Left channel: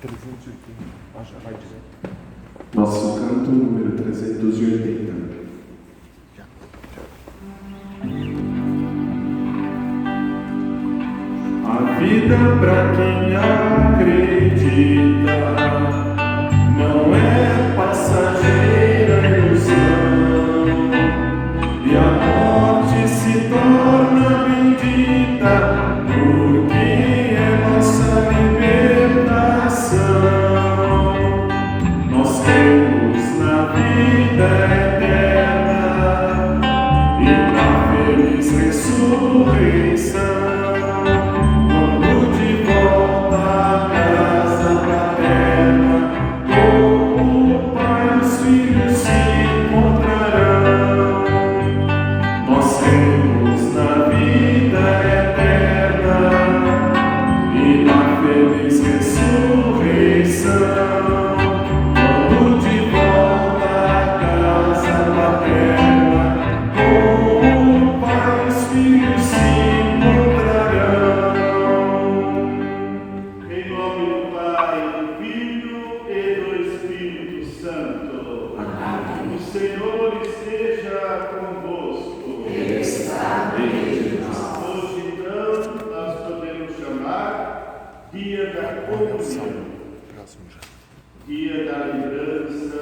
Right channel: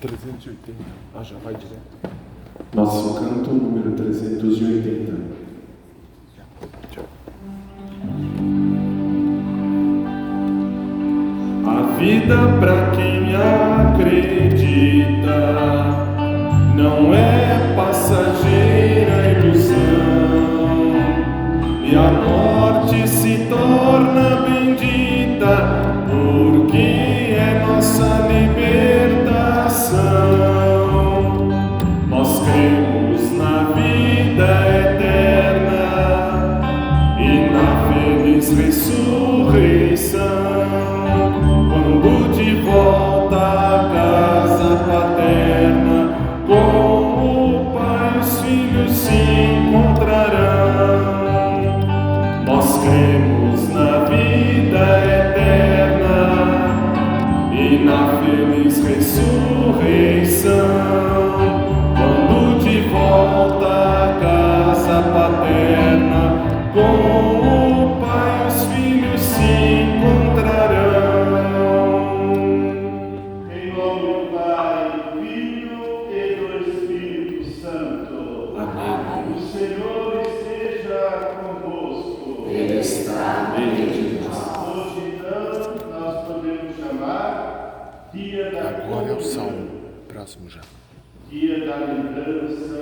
380. Já vai direto. Nosso canto número 380. A vida pra quem acredita não é passageira ilusão, e a morte se torna bendita porque é nossa libertação. Nós cremos na vida eterna e na feliz ressurreição. Quando de volta à casa paterna, com o Pai e os filhos se encontrarão. Nós cremos na vida eterna e na feliz ressurreição. Quando de volta à casa paterna, com o Pai e os filhos se encontrarão. Em nome do Pai, do Filho e do Espírito Santo. Amém. O Senhor esteja convosco. Ele está no meio de nós. Hoje, então, nós podemos chamar Dia da Agora eu saio. Comunhão, Próximo já. Dia da Lembrança,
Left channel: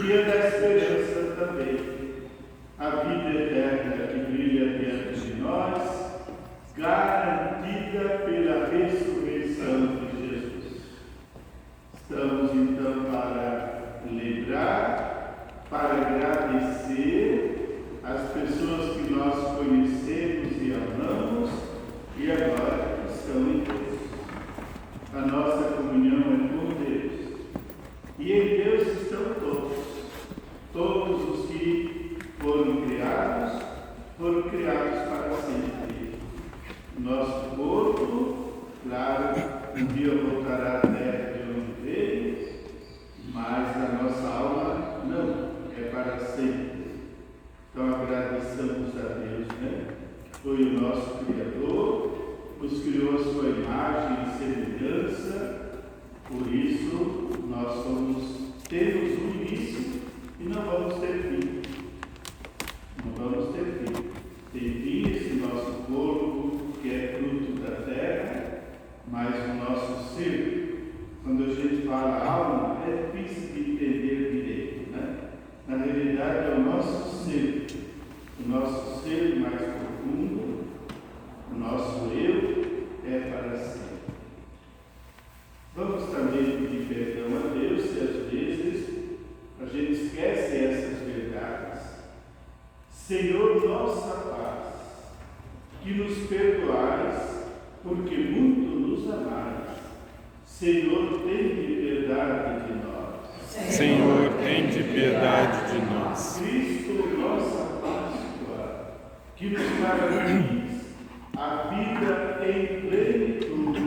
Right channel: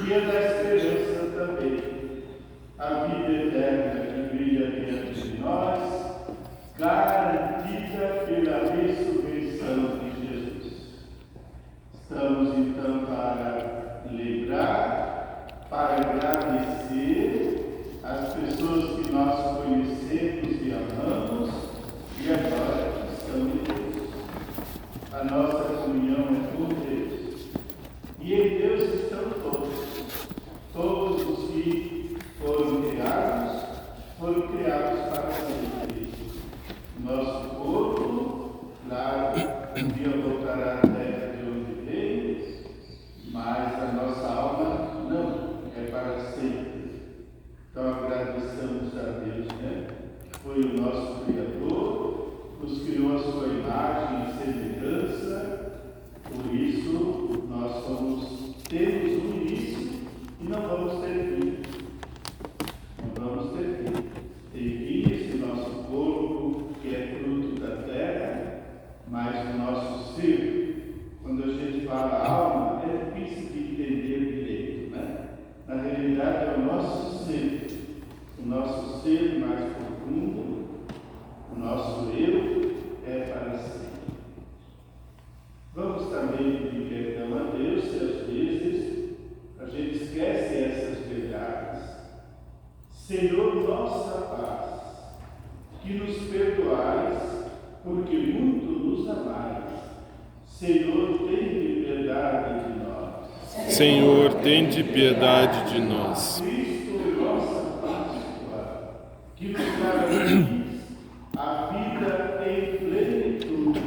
Dia da Esperança também. A vida eterna que brilha diante de nós, garantida pela ressurreição de Jesus. Estamos então para lembrar, para agradecer as pessoas que nós conhecemos e amamos e agora estão em Deus. A nossa comunhão é com Deus. E em Deus estão todos os que foram criados para sempre. Nosso corpo, claro, um dia voltará à terra de onde veio, mas a nossa alma não, é para sempre. Então agradecemos a Deus, né? Foi o nosso Criador, nos criou a sua imagem e semelhança, por isso nós temos um início e não vamos ter fim. Não vamos ter fim. Tem fim esse nosso corpo, que é fruto da terra, mas o nosso ser, quando a gente fala alma, é difícil de entender direito, né? Na realidade é o nosso ser mais profundo, o nosso eu é para sempre. Vamos também pedir perdão a Deus se às vezes a gente esquece essas verdades. Senhor, nossa paz, que nos perdoais, porque muito nos amais. Senhor, tem piedade de nós. Senhor, tende piedade de nós. Cristo, nossa Páscoa, que nos garantis a vida em plenitude.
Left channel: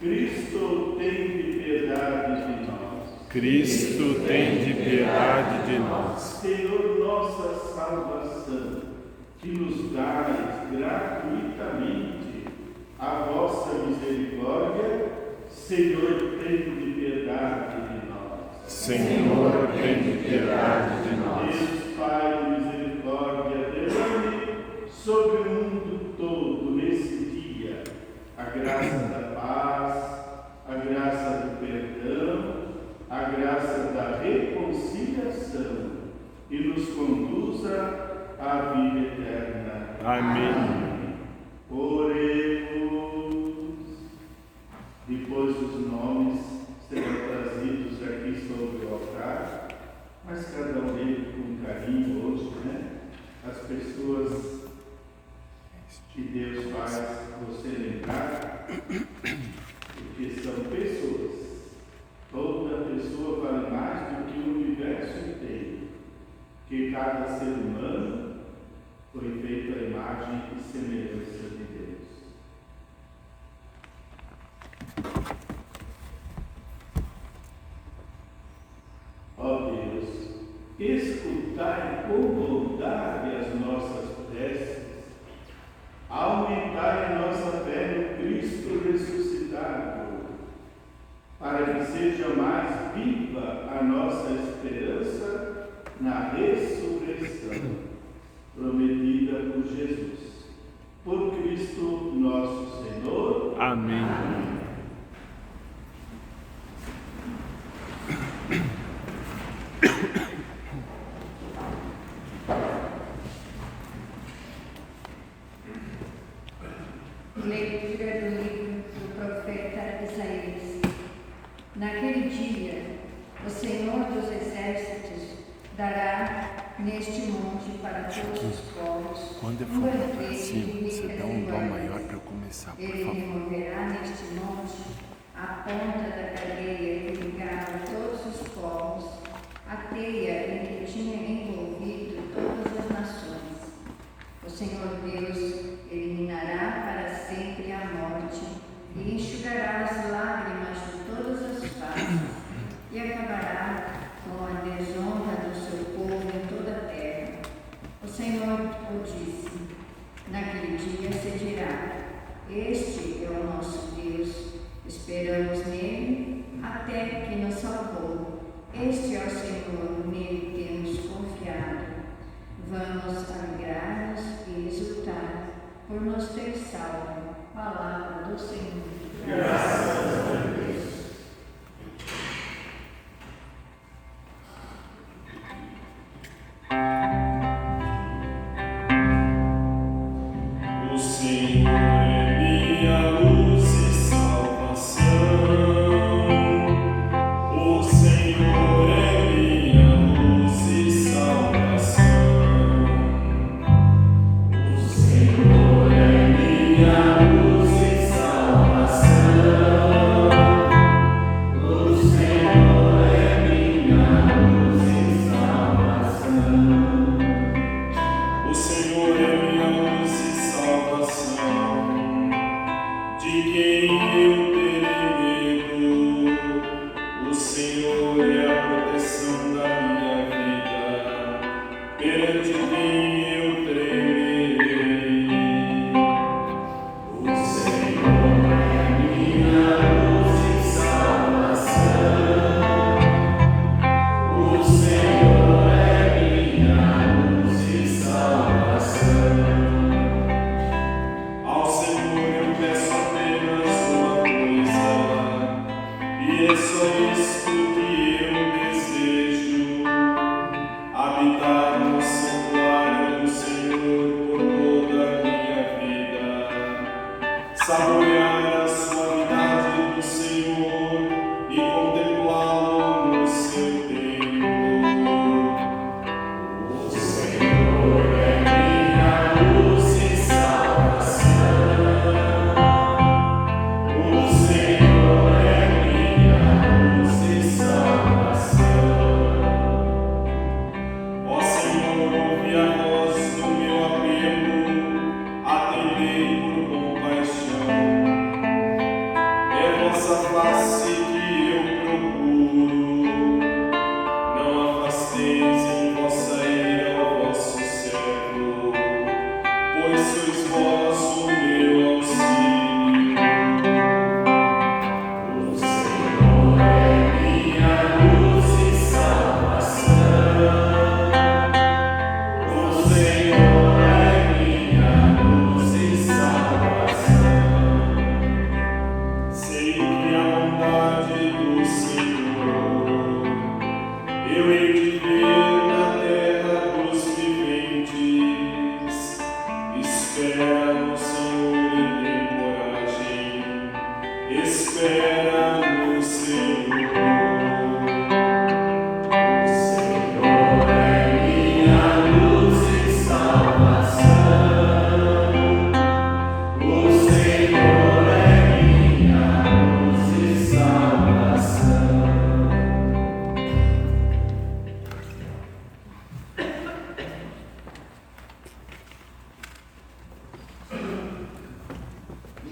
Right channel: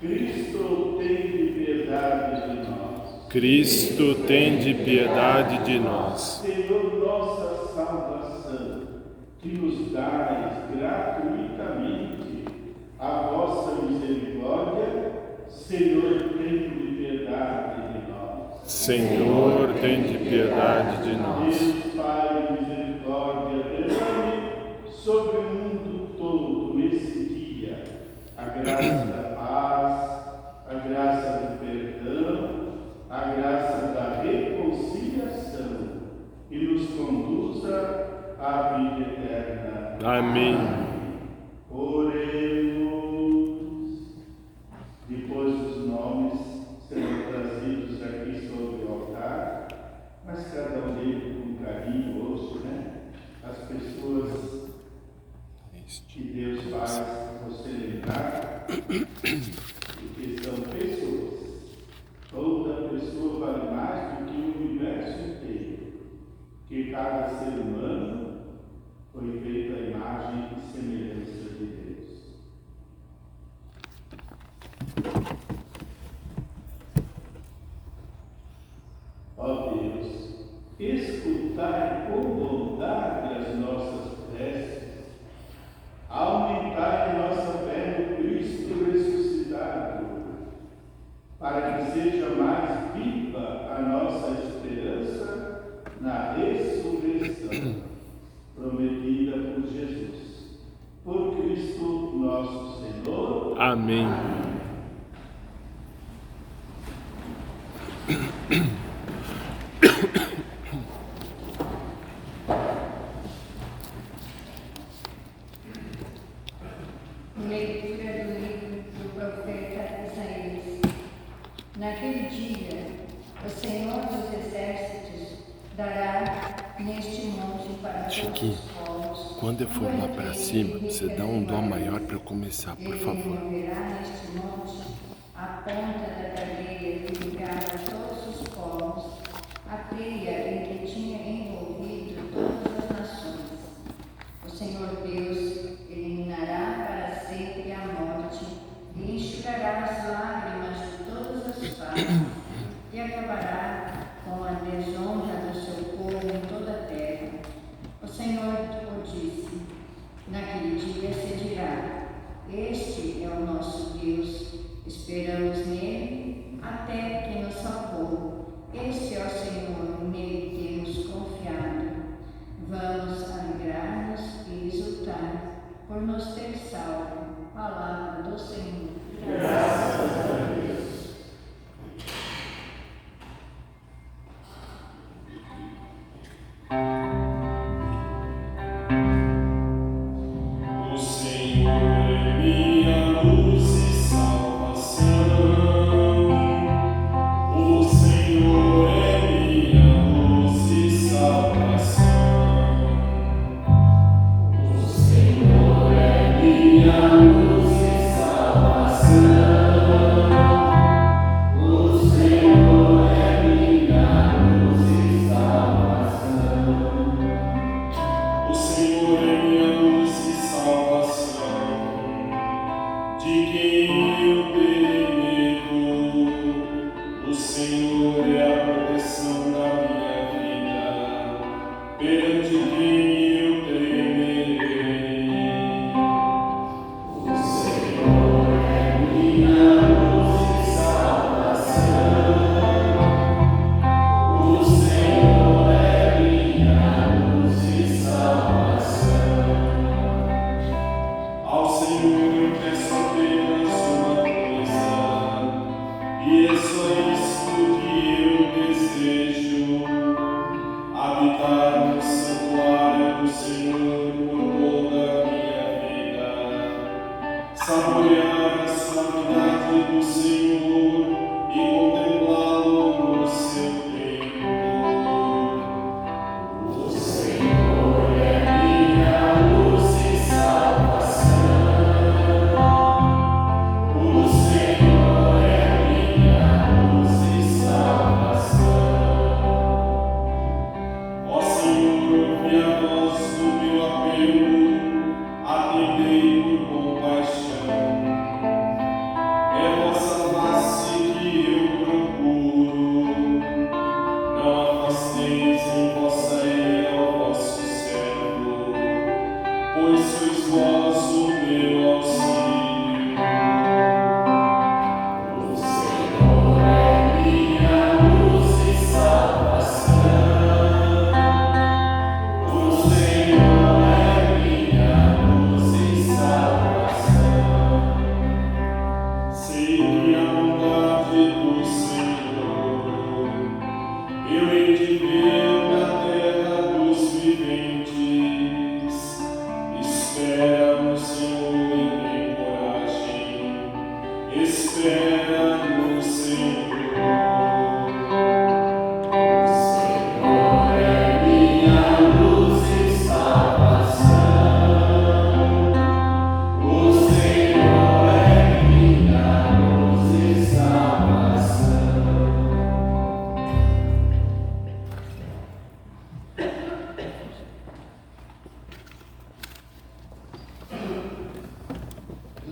Cristo, tem piedade de nós. Cristo, tende piedade de nós. Senhor, nossa salvação, que nos dais gratuitamente a vossa misericórdia. Senhor, tende piedade de nós. Senhor, tende piedade de nós. Deus Pai de misericórdia, derrame sobre o mundo todo nesse dia a graça da paz, a graça do perdão, a graça da reconciliação e nos conduza à vida eterna. Amém. Oremos. Depois os nomes serão trazidos aqui sobre o altar, mas cada um deles com carinho hoje, né? As pessoas que Deus faz você lembrar, porque são pessoas. Toda pessoa vale mais do que o universo inteiro, que cada ser humano foi feito à imagem e semelhança de Deus. Ó Deus, escolheu Chiquinho, quando eu for lá para cima, você dá um dó maior para começar, por Ele favor. removerá neste monte a ponta da cadeia que ligava todos os povos, a teia em que tinha envolvido todas as nações. O Senhor Deus eliminará para sempre a morte e enxugará as lágrimas de todas as faces e acabará com a desonra do seu povo em toda a terra. O Senhor o disse. Naquele dia se dirá: este é o nosso Deus, esperamos nele até que nos salvou. Este é o Senhor, nele temos confiado. Vamos alegrar-nos e exultar por nos ter salvo. Palavra do Senhor. Graças a Deus. O Senhor é minha luz e salvação. O Senhor é minha luz e salvação. O Senhor é minha luz e salvação. O Senhor é minha luz e salvação. O Senhor é minha luz e salvação. De quem eu terei medo? O Senhor é a proteção da minha vida. Perante quem eu temerei? O Senhor é minha luz e salvação. O Senhor é minha luz e salvação. Ao Senhor eu peço apenas uma coisa, e é só isso que eu desejo: habitar no santuário do Senhor por toda a minha vida, saborear a suavidade do Senhor e contemplá-lo no seu templo. O Senhor é minha luz e salvação. O Senhor é minha luz e salvação. Ó Senhor, ouve a voz do meu apelo, atendei por compaixão. É vossa face que eu procuro. Não afasteis em vossa ira o vosso servo, pois sois vós o meu auxílio. O Senhor é minha luz e salvação. O Senhor é minha luz e salvação. Sei que a bondade do Senhor eu hei de ver na terra dos viventes. Espera no Senhor e tem coragem. Espera no Senhor. O Senhor é minha luz e salvação. O Senhor é minha luz e salvação.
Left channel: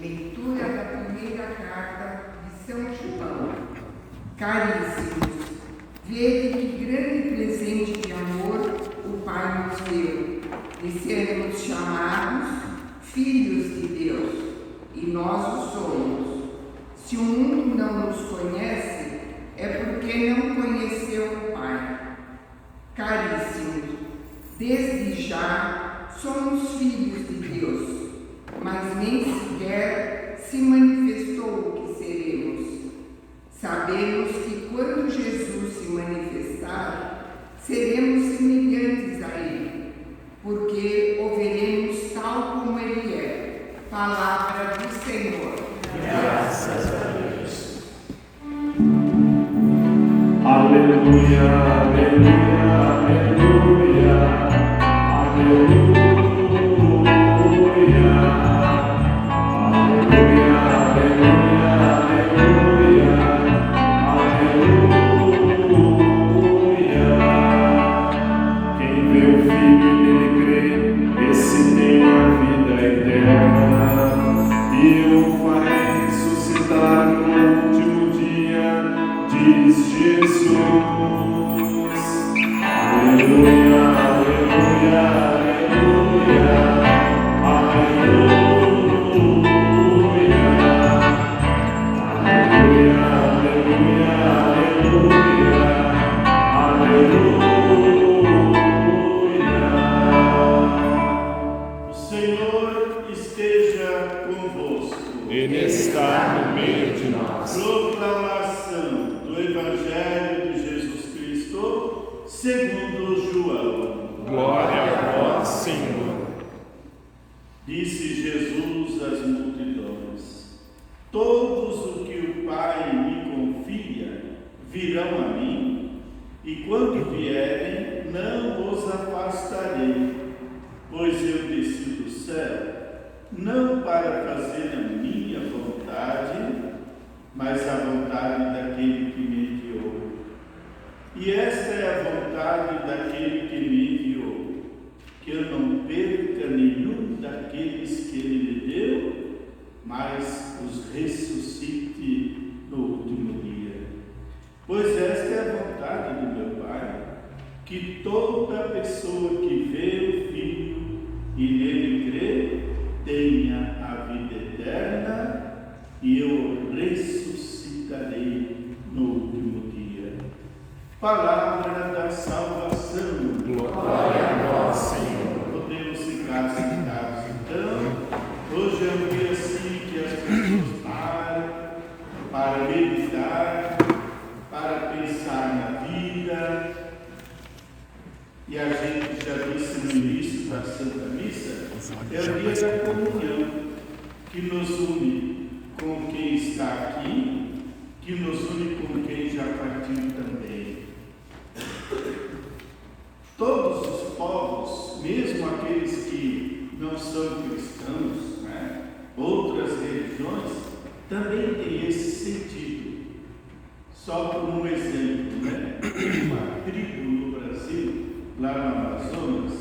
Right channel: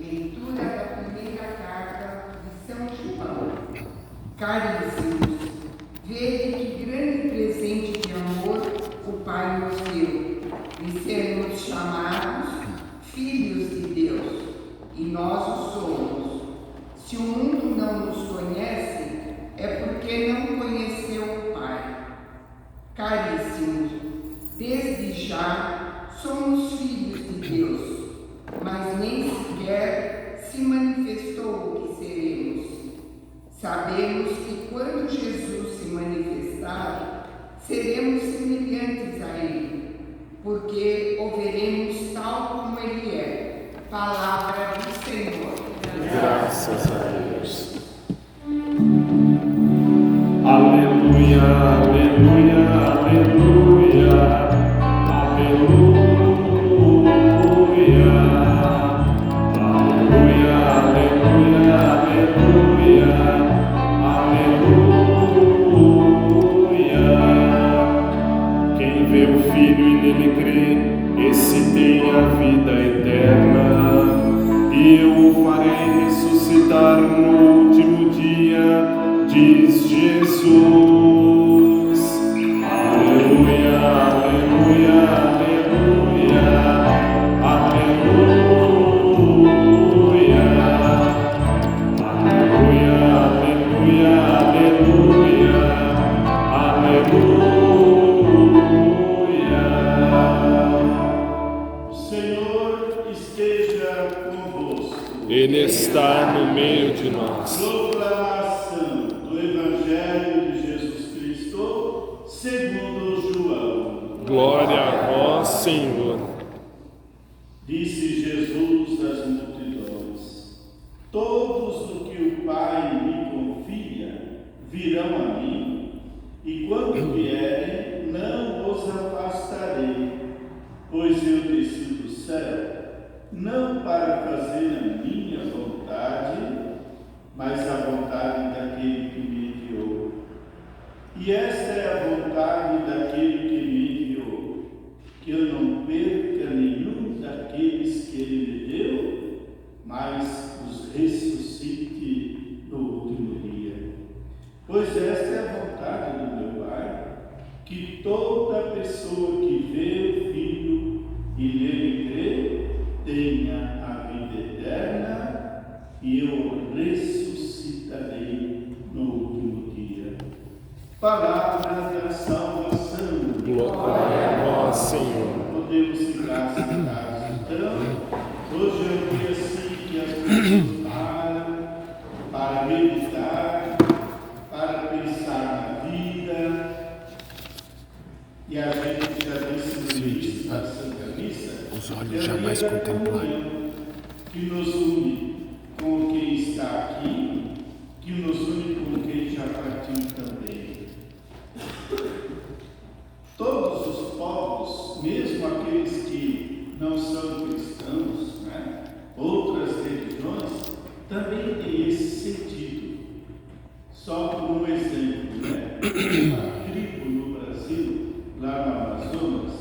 Leitura da primeira carta de São João. Caríssimos, vede que grande presente de amor o Pai nos deu, de sermos chamados filhos de Deus, e nós o somos. Se o mundo não nos conhece, é porque não conheceu o Pai. Caríssimos, desde já somos filhos de Deus, mas nem sequer se manifestou o que seremos. Sabemos que quando Jesus se manifestar, seremos semelhantes a Ele, porque o veremos tal como Ele é. Palavra do Senhor. Graças a Deus. Aleluia, aleluia, aleluia. Ele está no meio de nós. Proclamação do Evangelho de Jesus Cristo segundo João. Glória a vós, Senhor. Disse Jesus às multidões: todos os que o Pai me confia virão a mim, e quando vierem, não os afastarei, pois eu desci do céu, não para fazer a minha vontade, mas a vontade daquele que me enviou. E esta é a vontade daquele que me enviou, que eu não perca nenhum daqueles que ele me deu, mas os ressuscite no último dia. Pois esta é a vontade do meu Pai, que toda pessoa que vê o Filho e nele crê, tenha a vida eterna, e eu o ressuscitarei no último dia. Palavra da salvação. Glória a vós, Senhor. Podemos ficar sentados então. Hoje é um dia assim que as pessoas param para meditar, para pensar na vida. E a gente já disse no início da Santa Missa, é o dia da comunhão, que nos une com quem está aqui, que nos une com quem já partiu também. Todos os povos, mesmo aqueles que não são cristãos, né, outras religiões, também têm esse sentido. Só por um exemplo, né? Uma tribo no Brasil, lá no Amazonas,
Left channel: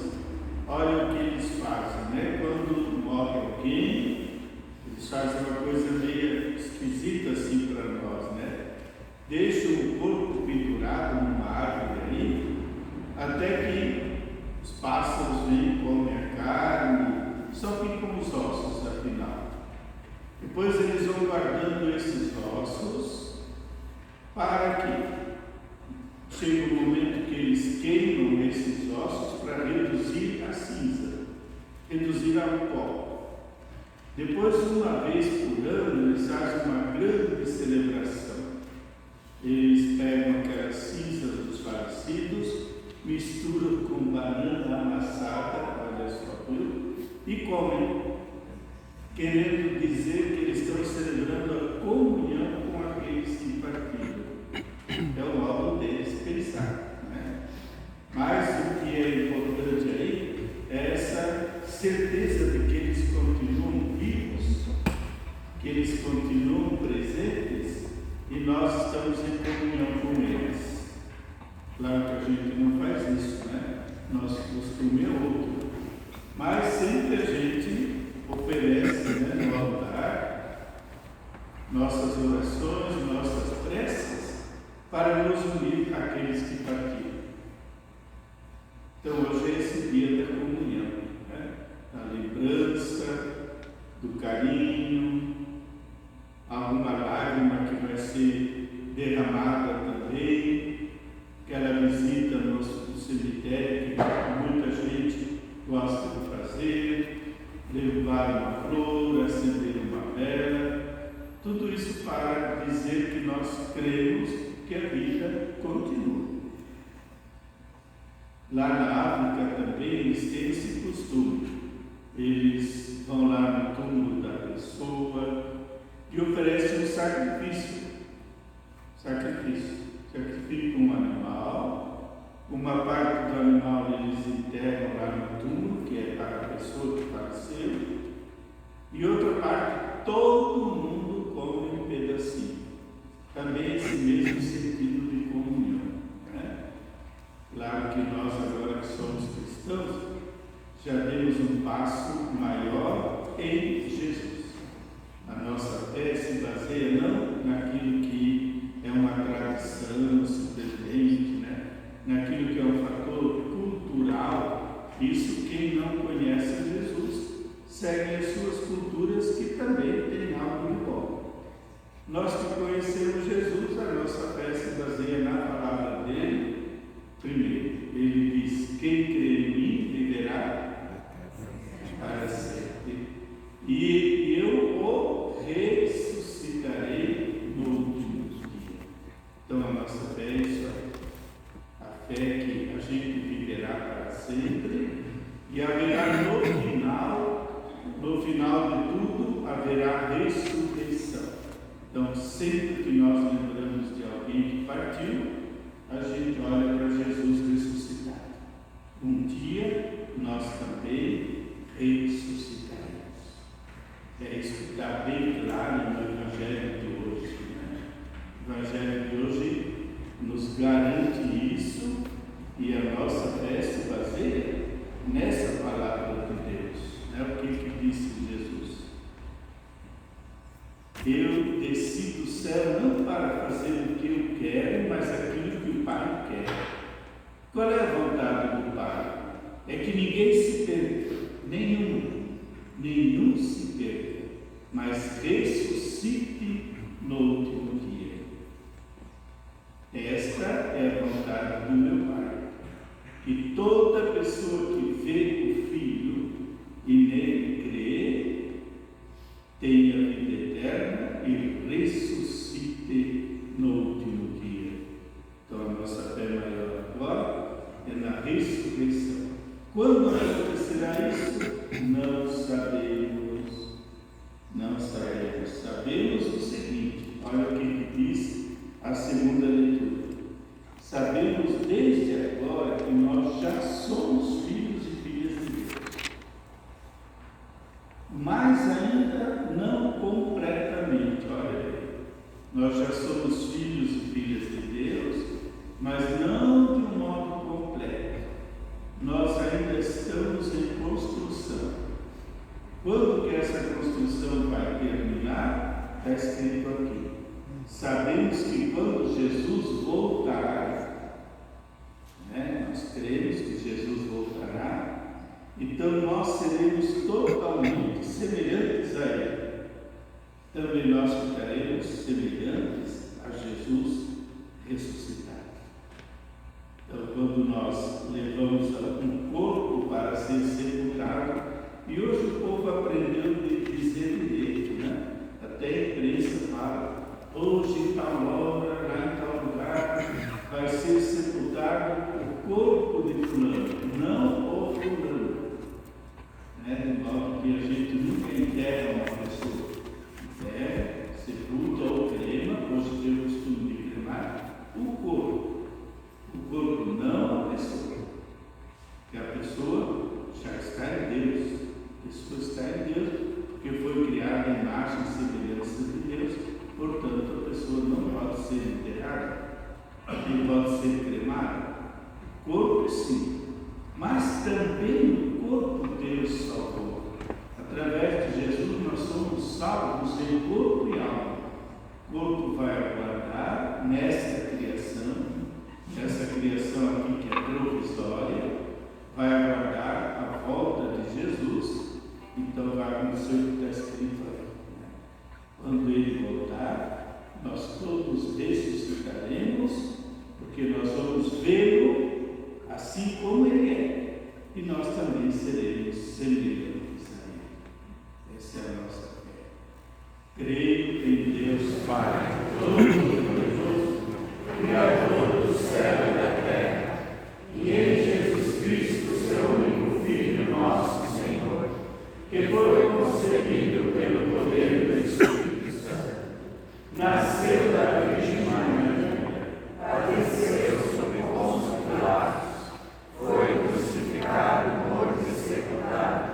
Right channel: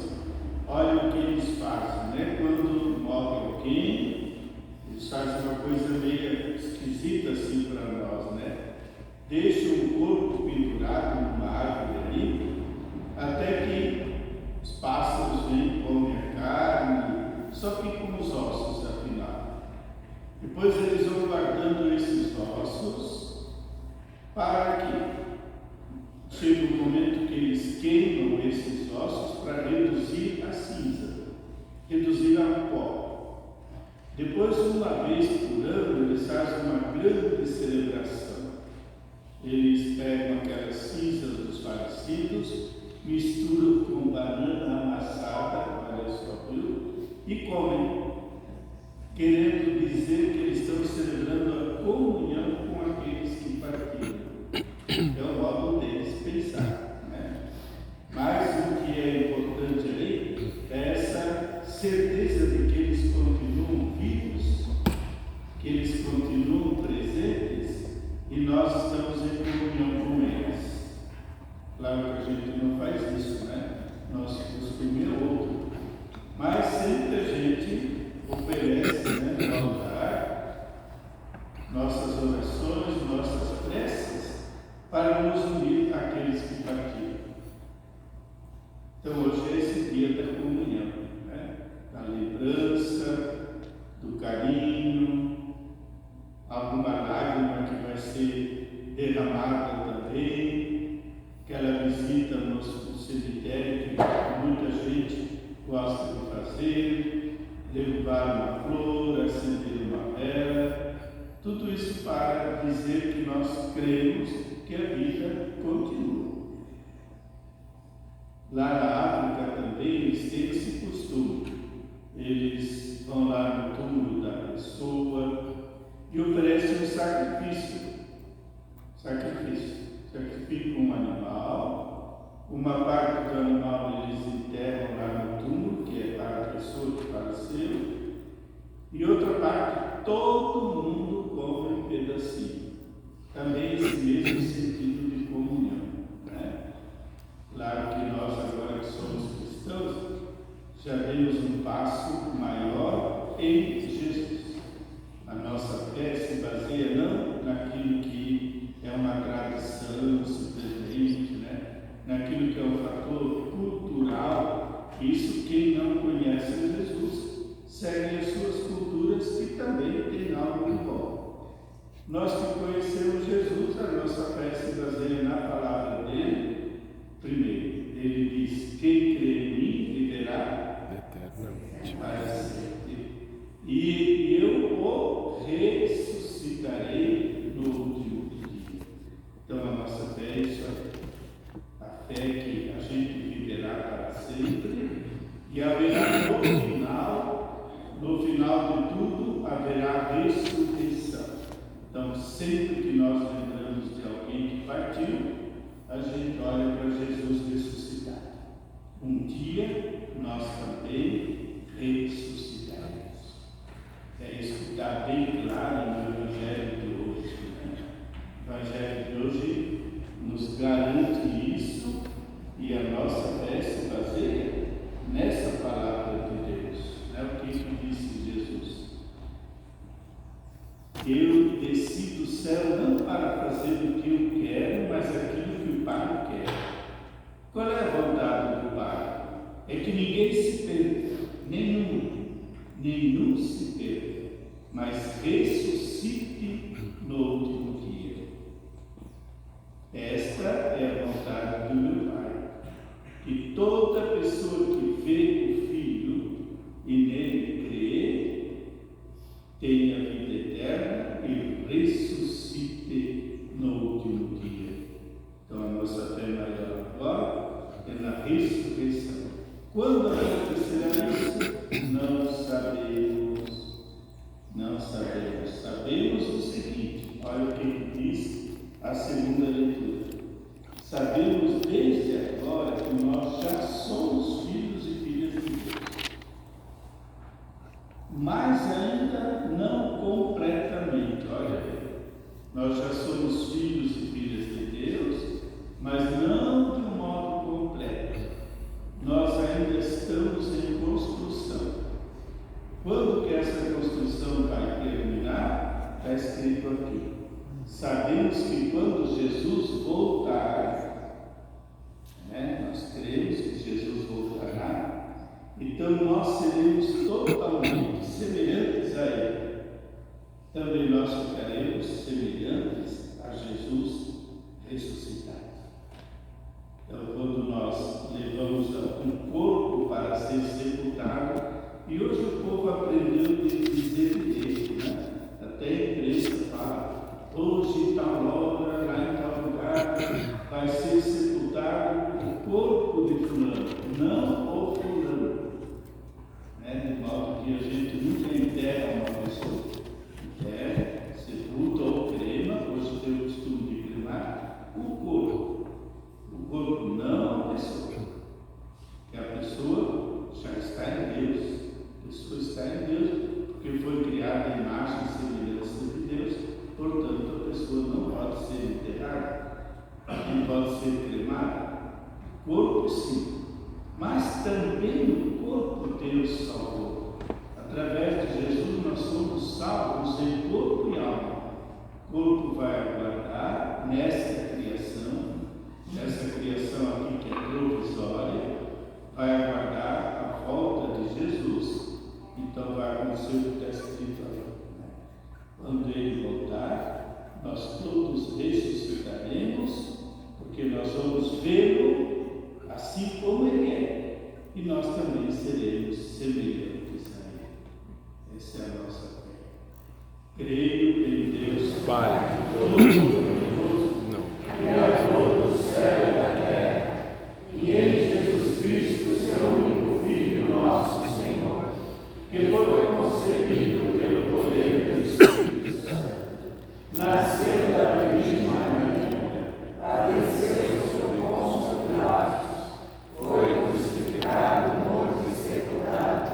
olha o que eles fazem, né? Quando morre alguém, eles fazem uma coisa meio esquisita assim para nós, né? Deixam o corpo pendurado numa árvore ali, até que os pássaros vêm, comem a carne, só ficam os ossos afinal. Depois eles vão guardando esses ossos para que chegue o momento que eles queimam esses ossos para reduzir a cinza, reduzir ao pó. Depois, uma vez por ano, eles fazem uma grande celebração. Eles pegam aquelas cinzas dos falecidos, misturam com banana amassada, olha só, e comem, querendo dizer que eles estão celebrando a comunhão com aqueles que partiram. É o modo deles pensar, né? Mas o que é importante aí é essa certeza de que eles continuam vivos, que eles continuam presentes e nós estamos em comunhão com eles. Claro que a gente não faz isso, né? Nosso costume é outro. Mas sempre a gente oferece, né, no altar, nossas orações, nossas preces, para nos unir àqueles que partiram. Então hoje é esse dia da comunhão, né? Da lembrança, do carinho, alguma lágrima que vai ser derramada também, aquela visita no cemitério que muita gente gosta de fazer, levar uma flor, acender uma vela, tudo isso para dizer que nós cremos que a vida continua. Lá na África também eles têm esse costume. Eles vão lá no túmulo da pessoa e oferecem um sacrifício. Sacrificam um animal, uma parte do animal eles enterram lá no túmulo isso, quem não conhece Jesus segue as suas culturas, que também tem algo de bom. Nós que conhecemos Jesus, a nossa fé se baseia na palavra dele. Primeiro, ele diz: quem crê em mim viverá para sempre, e eu o ressuscitarei no último dia. Então a nossa fé é isso, a fé que a gente viverá para sempre, e haverá no final de tudo, haverá ressurreição. Então, sempre que nós lembramos de alguém que partiu, a gente olha para Jesus ressuscitado. Um dia nós também ressuscitaremos. É isso que está bem claro no Evangelho de hoje. Né? O Evangelho de hoje nos garante isso, e a nossa fé se baseia nessa palavra de Deus. O que disse Jesus? Eu desci do céu não para fazer o que eu quero, mas aquilo que o Pai quer. Qual é a vontade do Pai? É que ninguém se perca, nenhum se perca, mas ressuscite no último dia. Esta é a vontade do meu Pai. E toda pessoa que vê o Filho e nele crê, tenha vida eterna e ressuscite no último dia. Então a nossa fé maior agora é na ressurreição. Quando acontecerá isso? Não sabemos. Não sabemos. Sabemos o seguinte: olha o que diz a segunda leitura. Sabemos desde agora que nós já somos filhos e filhas de Deus, mas ainda não completamente. Olha aí, nós já somos filhos e filhas de Deus, mas não de um modo completo. Nós ainda estamos em construção. Quando que essa construção vai terminar? Está escrito aqui. Sabemos que quando Jesus voltar, nós cremos que Jesus voltará, então nós seremos totalmente semelhantes a Ele. Também nós ficaremos semelhantes a Jesus ressuscitado. Então, quando nós levamos um corpo para ser sepultado, e hoje o povo aprendeu a dizer direito, né? Até a imprensa fala: hoje, em tal hora, lá em tal lugar, vai ser sepultado o corpo de fulano, não o fulano. De modo que a gente nunca enterra uma pessoa. Enterra, sepulta ou crema, hoje tem o costume de cremar o corpo. O corpo não a pessoa. Porque a pessoa já está em Deus. A pessoa está em Deus porque foi criada à imagem e semelhança de Deus. Portanto, a pessoa não pode ser enterrada, não pode ser cremada. O corpo, sim, mas também o corpo Deus salvou. Através de Jesus nós somos salvos em corpo e alma. O corpo vai aguardar nessa criação aqui que é provisória, vai aguardar a volta de Jesus. Então vai acontecer o que está escrito aí. Quando Ele voltar, nós todos ressuscitaremos, porque nós vamos vê-lo assim como Ele é, e nós também seremos semelhantes a Ele. Essa é a nossa fé. Creio em Deus Pai Todo-Poderoso, Criador do céu e da terra, e em Jesus Cristo, seu único Filho, nosso Senhor, que foi concebido pelo poder do Espírito Santo, nasceu da Virgem Maria, padeceu sob Pôncio Pilatos, foi crucificado, morto e sepultado,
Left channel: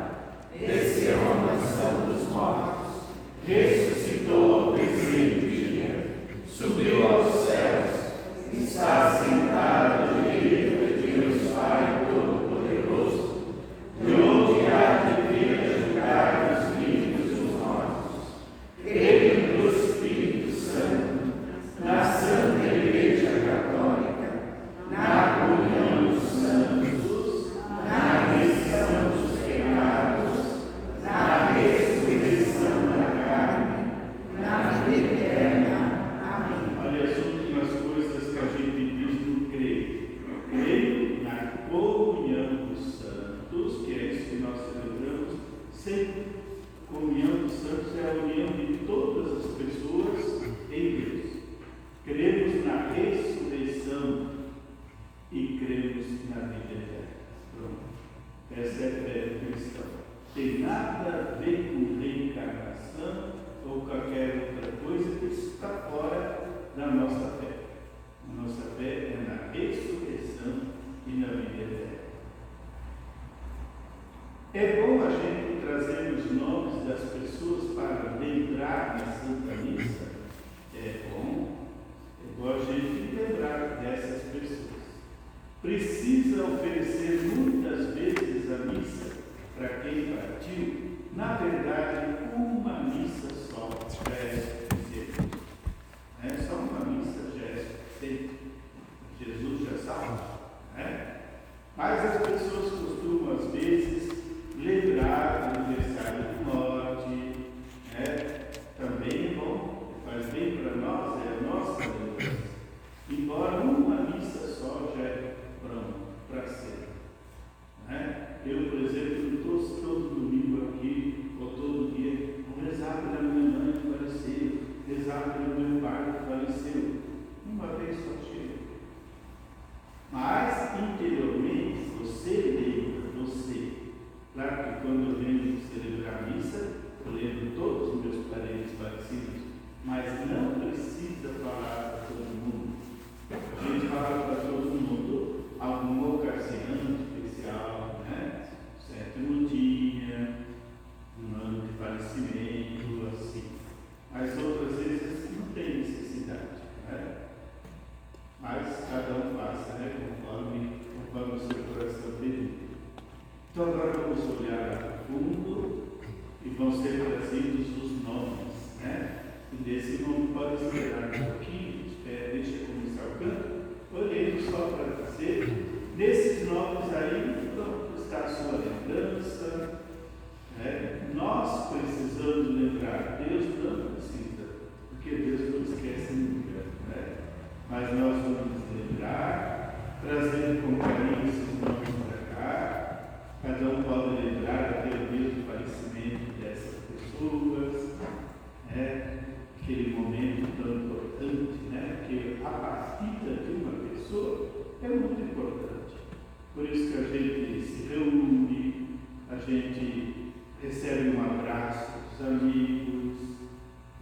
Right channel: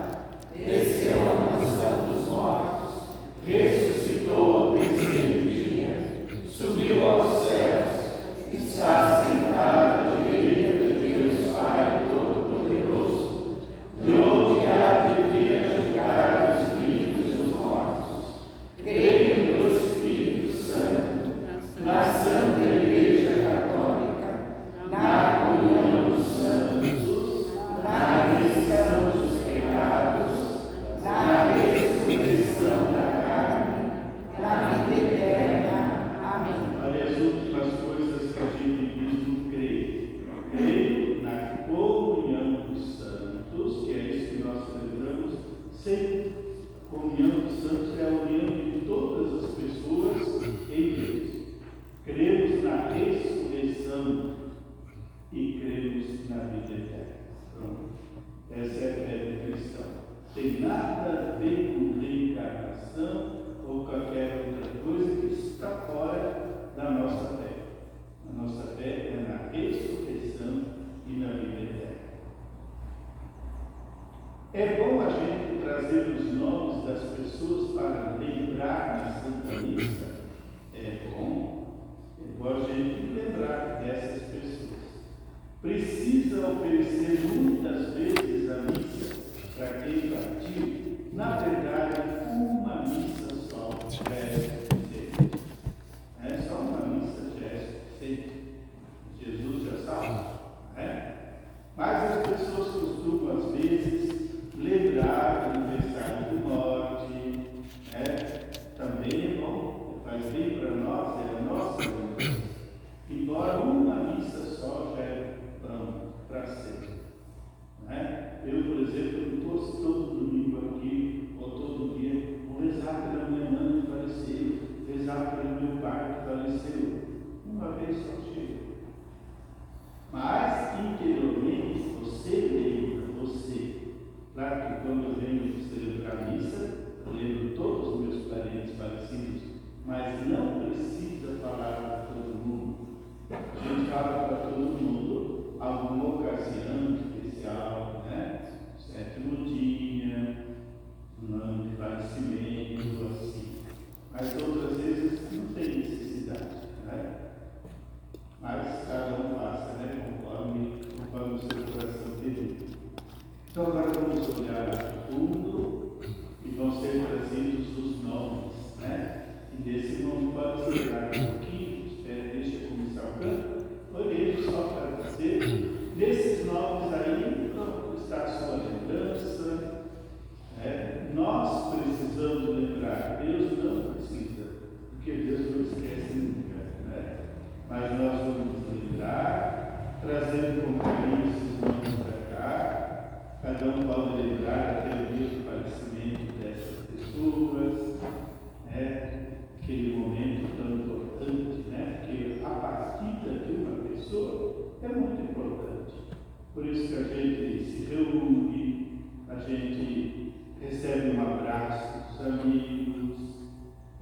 desceu à mansão dos mortos, ressuscitou ao terceiro dia, Sempre. Comunhão dos santos é a união de todas as pessoas em Deus. Cremos na ressurreição e cremos na vida eterna. Pronto. Essa é a fé cristã. Tem nada a ver com reencarnação ou qualquer outra coisa que está fora da nossa fé. A nossa fé é na ressurreição e na vida eterna. É bom a gente trazer os nomes das pessoas para lembrar na Santa Missa. É bom a gente lembrar dessas pessoas. Precisa oferecer muitas vezes a missa para quem partiu. Na verdade, uma missa só já é suficiente. É só uma missa já é suficiente. Jesus já salva. Mas as pessoas costumam, às vezes, lembrar do aniversário do norte. Também é bom, faz bem para nós, é a nossa lembrança. Embora uma missa só já é pronto para ser. Eu, por exemplo, não estou todo domingo aqui, ou todo dia, vou rezar pela minha mãe que faleceu, rezar pelo meu pai que faleceu. Uma vez só chega. Mas, interiormente, você lembra, claro que quando eu venho celebrar a missa, eu lembro todos os meus parentes falecidos, mas não precisa falar para todo mundo. A gente fala para todo mundo alguma ocasião especial, sétimo dia, um ano de falecimento, assim. Mas outras vezes não tem necessidade, mas cada um passa, conforme o seu coração pediu. Então agora vamos olhar a fundo e vão ser trazidos os nomes, E desse nome pode esperar um pouquinho, deixa eu começar o canto. Olhei só para dizer, nesses nomes aí está a sua lembrança. Nós precisamos lembrar, Deus não precisa, porque Deus não esquece nunca. Mas nós vamos lembrar, trazendo com carinho esses nomes para cá. Cada um pode lembrar aquele dia do falecimento dessas pessoas, aquele momento tão importante, porque a partida de uma pessoa é muito importante. Por isso que a gente se reúne, a gente recebe um abraço dos amigos,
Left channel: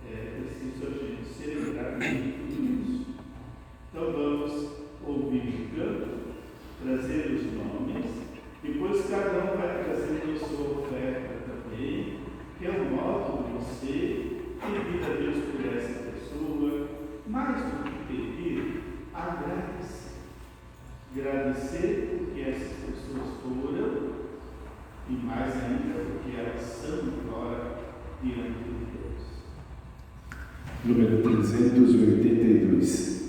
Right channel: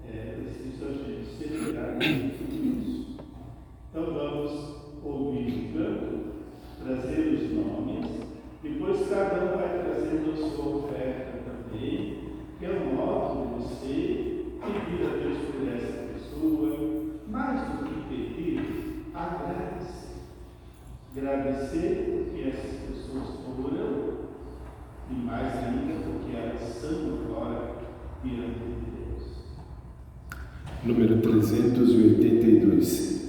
precisa a gente celebrar muito isso. Então vamos ouvir o canto, trazer os nomes, depois cada um vai trazendo a sua oferta também, que é o modo de você pedir a Deus por essa pessoa, mais do que pedir, agradecer. Agradecer porque essas pessoas foram, e mais ainda porque elas são agora diante de Deus. Número 382.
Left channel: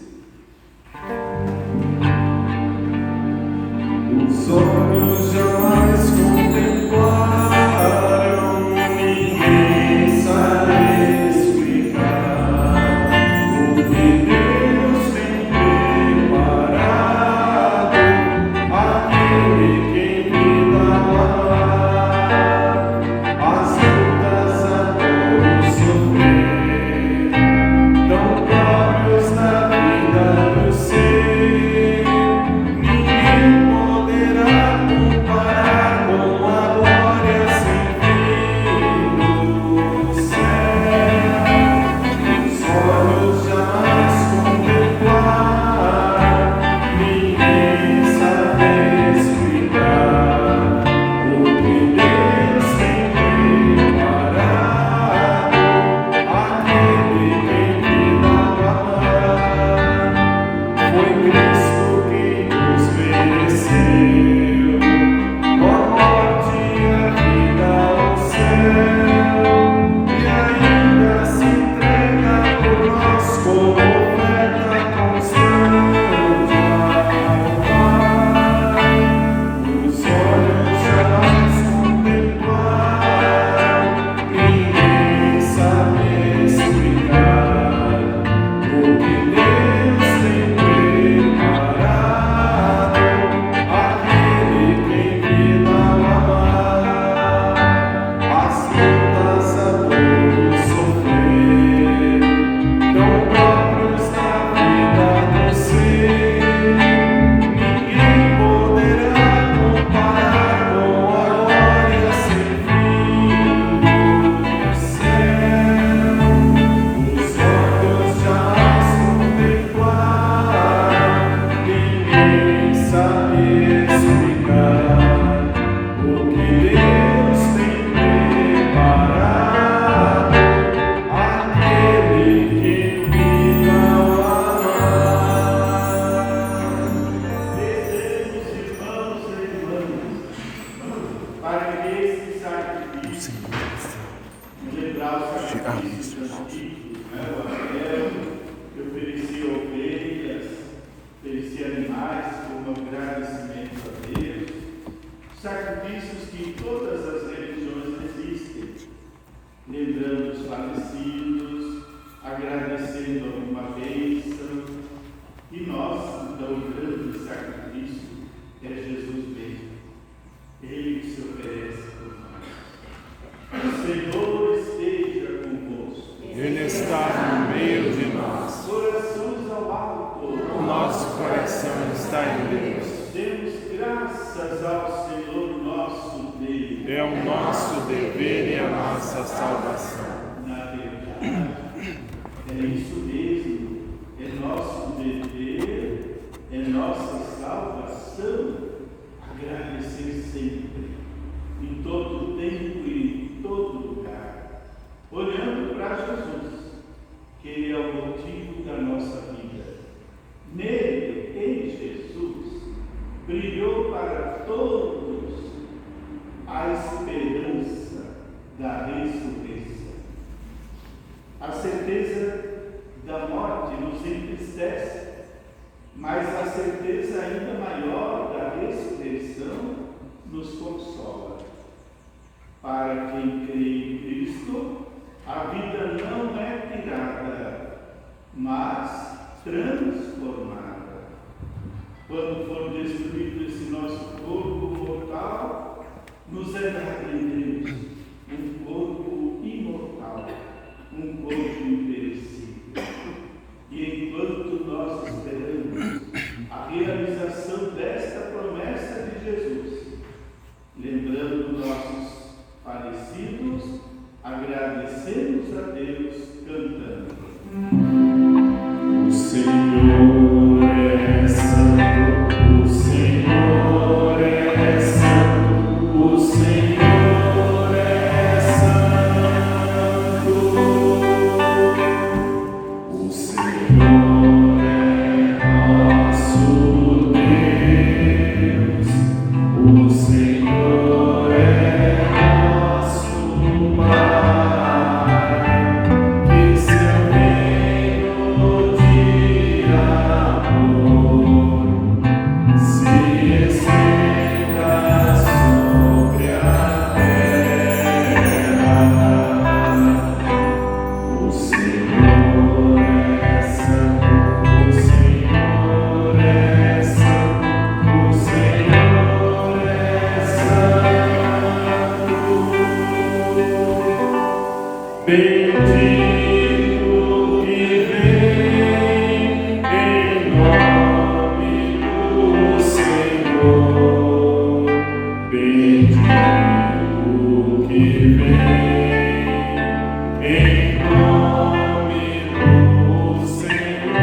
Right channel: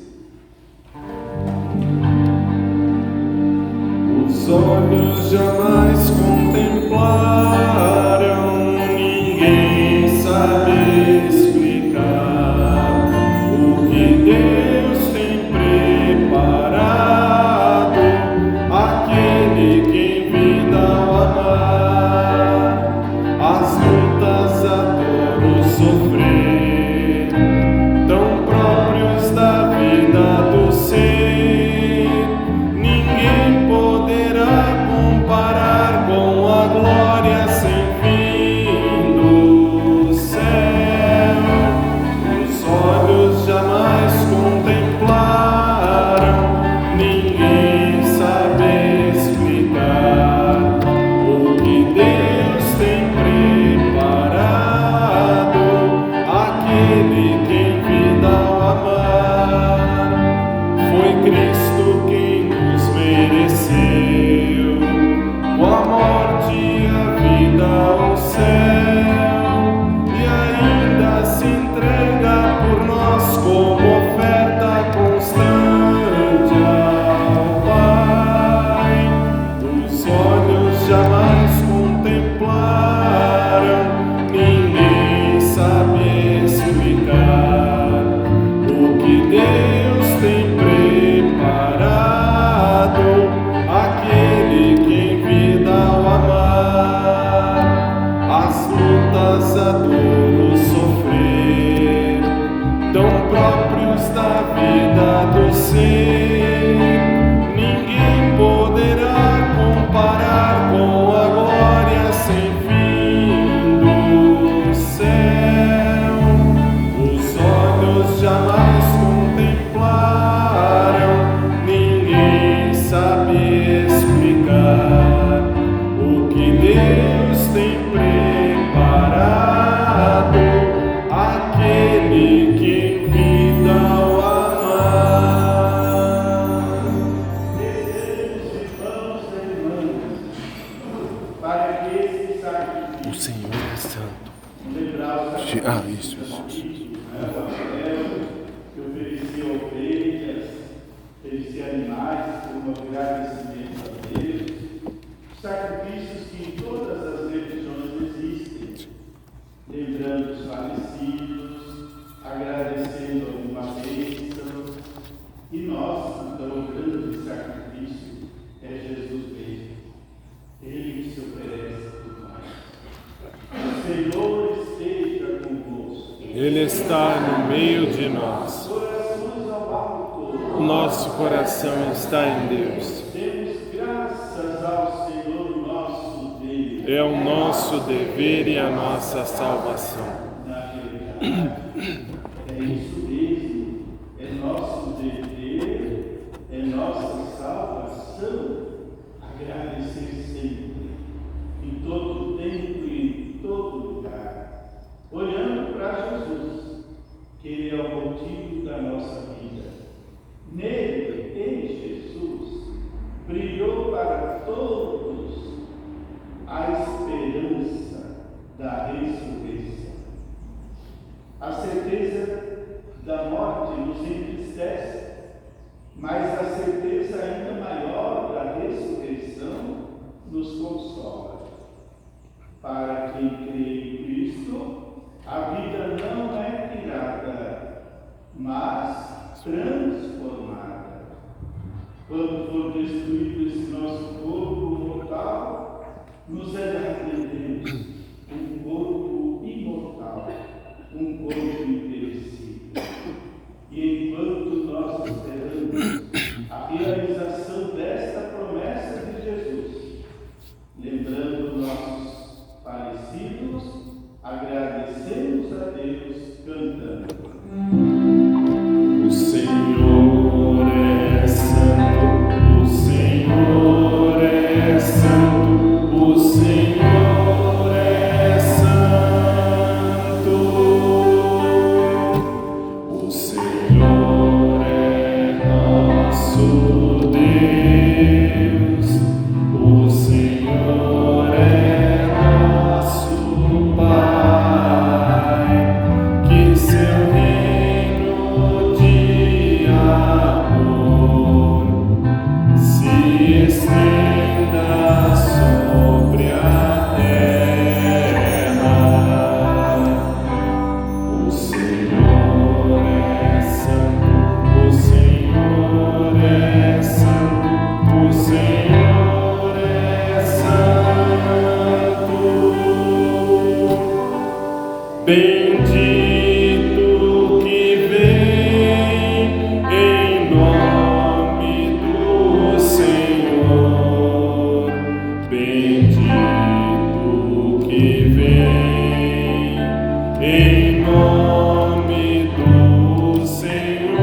Os olhos jamais contemplaram, ninguém sabe explicar o que Deus tem preparado àquele que em vida amar. As lutas a todos sofrer, tão próprios da vida. para que esse O sacrifício, Senhor é santo. lembrar o sacrifício Isso. o Abraão, que ofereceu ovelhas, oferecia animais como agradecimento a Deus, sacrifícios que em todas as religiões existem, lembrando os falecidos, agradecendo alguma bênção, e nós, então, o grande sacrifício é Jesus mesmo, Ele que se oferece por nós. O Senhor esteja convosco. Ele está no meio de nós. Corações ao alto. O nosso coração está em Deus. Demos graças ao Senhor nosso Deus. É o nosso dever e a nossa salvação. Na verdade, é isso mesmo. É nosso dever, é nossa salvação. Agradecer sempre, em todo tempo e em todo lugar, olhando para Jesus, que Ele é o motivo da nossa vida. Nele, em Jesus, brilhou para todos a esperança da ressurreição. A certeza da morte nos entristece, mas a certeza ainda maior da ressurreição nos consola. Para quem crê em Cristo, a vida não é tirada, mas transformada. Quando for destruído esse nosso corpo mortal, nos é dado em Deus um corpo imortal, um corpo imperecível. E enquanto nós esperamos a realização desta promessa de Jesus, lembrando nossos falecidos, agradecemos a Deus cantando. O Senhor é santo, o Senhor é santo, o Senhor é santo. O Senhor é nosso Deus, o Senhor é nosso Pai, que seu reino de amor se estenda sobre a terra. O Senhor é santo, o Senhor é santo, o Senhor é santo. Bendito que vem em nome do Senhor. Bendito que vem em nome do Senhor.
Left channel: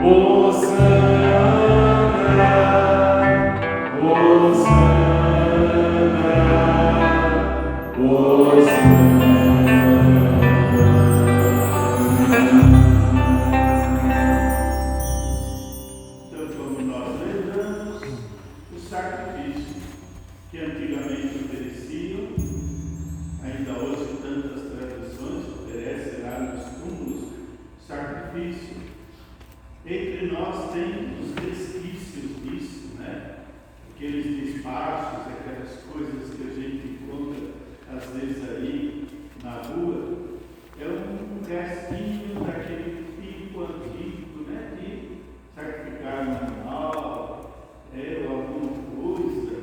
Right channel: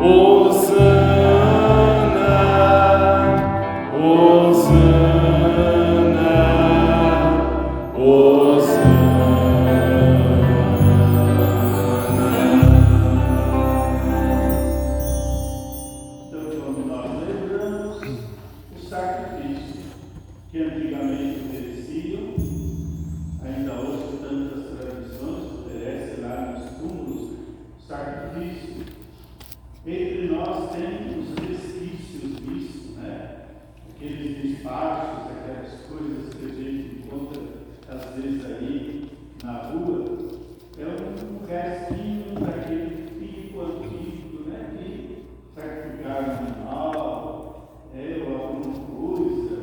Hosana, Hosana, Hosana. Então, como nós lembramos, o sacrifício que antigamente ofereciam, ainda hoje tantas tradições oferecem lá nos túmulos, sacrifício. Entre nós tem os resquícios disso, né? Aqueles despachos, aquelas coisas que a gente encontra às vezes aí na rua, é um restinho daquele tipo antigo, né? De sacrificar um animal, ou alguma coisa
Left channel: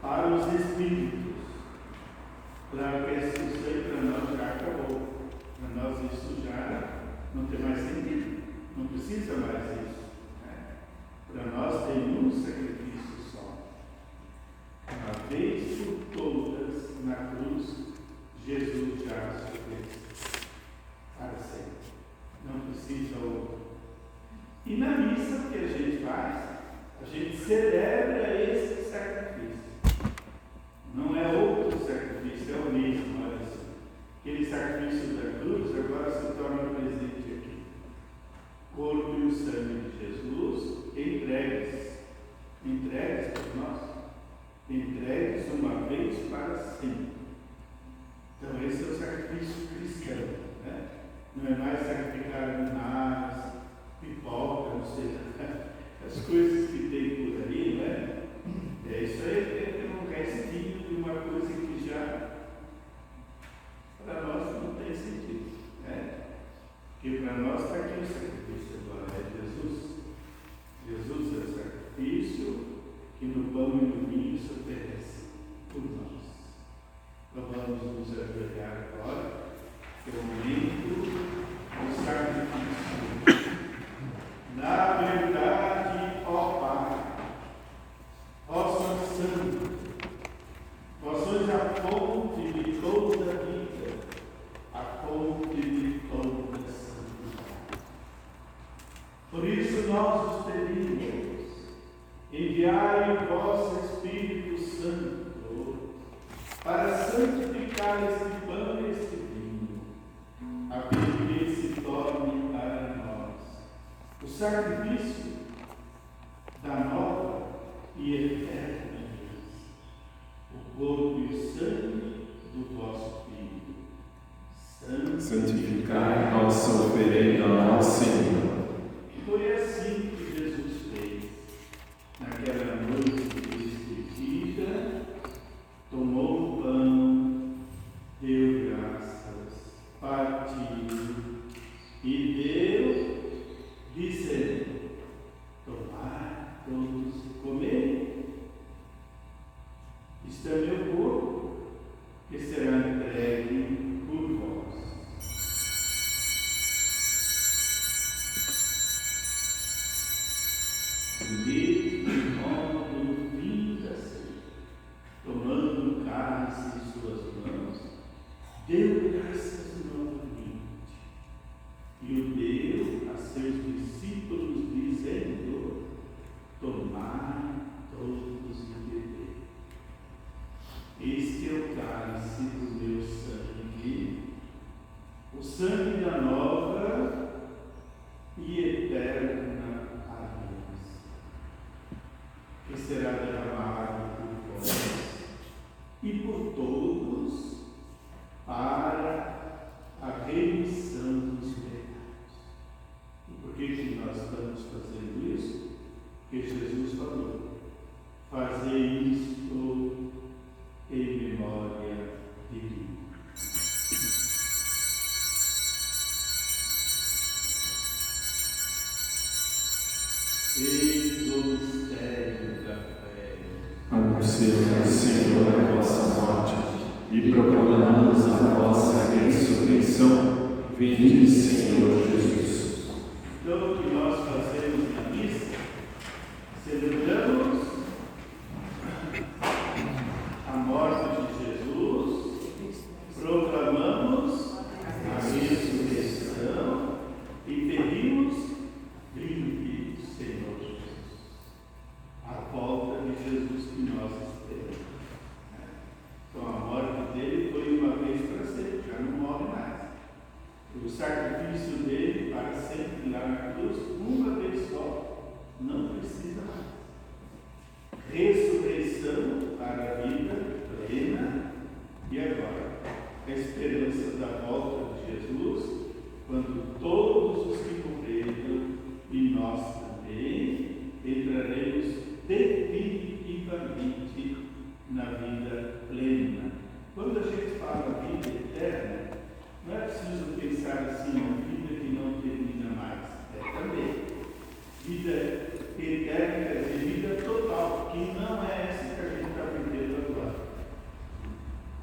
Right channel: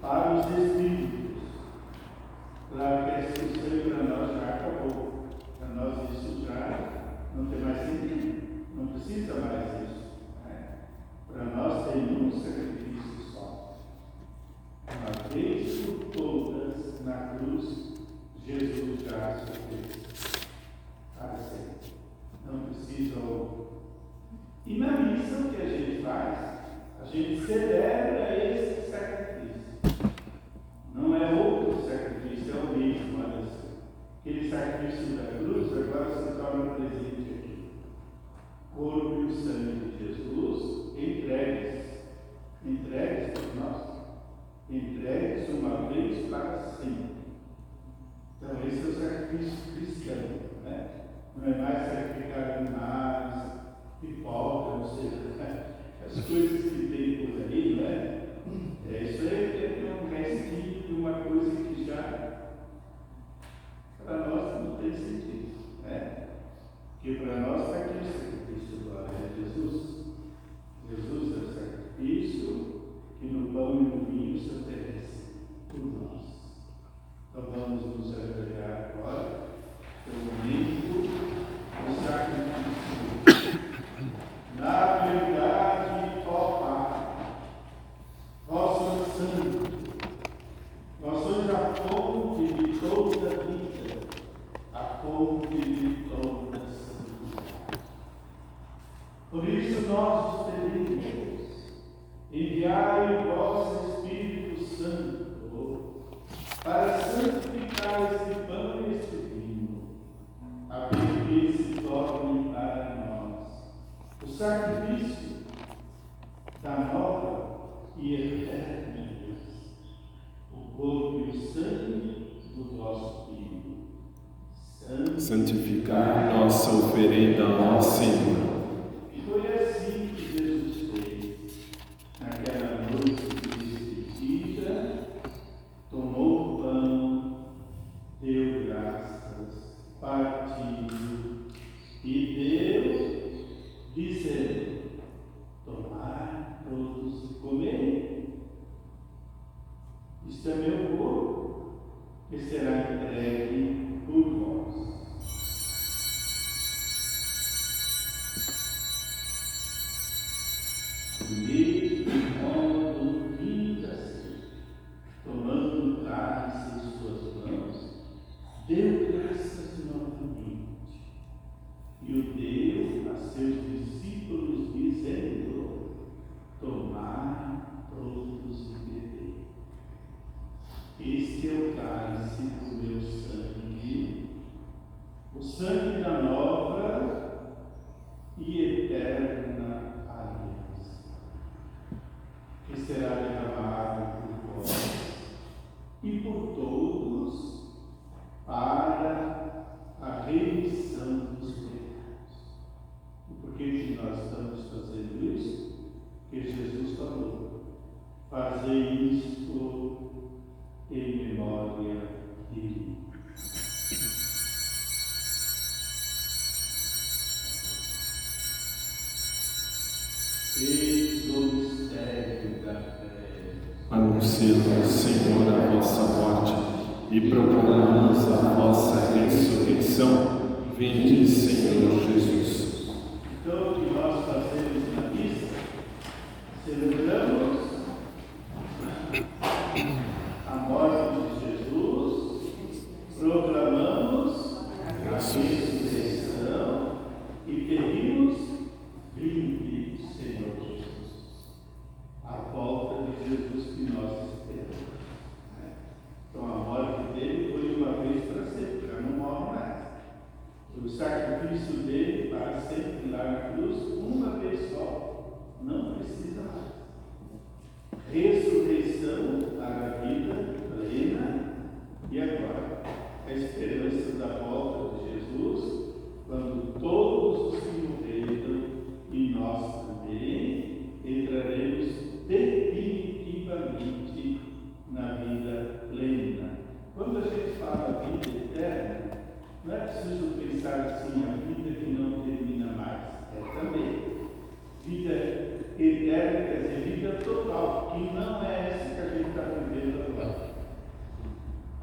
para os espíritos, para que esse sangue para nós já acabou, para nós isso já não tem mais sentido, não precisa mais isso, né? Para nós tem um sacrifício só, uma vez por todas na cruz, Jesus já se fez para sempre, não precisa outro. E na missa o que a gente faz? A gente celebra esse sacrifício. Não é outro sacrifício, é o mesmo, olha assim. Aquele sacrifício da cruz agora se torna presente aqui. Corpo e o sangue de Jesus entregues por nós. Entregues uma vez para sempre. Então esse é o sacrifício cristão, né? Não é mais sacrificar animais, pipoca, não sei, as coisas que tem por aí, né? Isso aí é um restinho de uma coisa que já para nós não tem sentido, né? Porque para nós está aqui o sacrifício agora, é Jesus. Jesus é o sacrifício que no pão e no vinho se oferece por nós. Então vamos nos ajoelhar agora, que é o momento do sacrifício. Na verdade, ó Pai, ó Santo Santo, nós somos a fonte de toda a vida, a fonte de toda a santidade. Por isso nós os pedimos, enviai o vosso Espírito Santo para santificar este pão e este vinho, a fim de que se torne para nós o sacrifício da nova e eterna aliança, o corpo e o sangue do vosso Filho. Santificai nossa oferenda ao Senhor. E foi assim que Jesus fez. Naquela noite de despedida, tomou o pão, deu graças, partiu e deu, dizendo: tomai todos e comei. Isto é meu corpo, que será entregue por vós. Do mesmo modo, vinda assim, tomando o cálice em suas mãos, deu graças novamente e o deu a seus discípulos, dizendo: tomai todos e bebei. Este é o cálice do meu sangue, o sangue da nova e eterna aliança, que será derramado por vós e por todos para a remissão dos pecados. E por que nós estamos fazendo isso? Porque Jesus falou: fazer isto em memória de mim. Eis o mistério da fé. Anunciamos, Senhor, a vossa morte e proclamamos a vossa ressurreição. Vinde, Senhor Jesus. Então, o que nós fazemos na missa, celebramos a morte de Jesus, proclamamos a ressurreição e pedimos: vinde, Senhor Jesus. A volta de Jesus que nós esperamos. Então, a morte dele foi uma vez para sempre, já não morre mais. O sacrifício dele para sempre lá na cruz, uma vez só, não precisa mais. Ressurreição para a vida plena e agora a esperança da volta de Jesus, quando todos os que morreram e nós também entraremos definitivamente na vida plena. Quando a gente fala vida eterna, não é preciso pensar assim, uma vida que não termina mais. É também. Vida eterna quer dizer vida total, que não é essa que a gente está vivendo agora.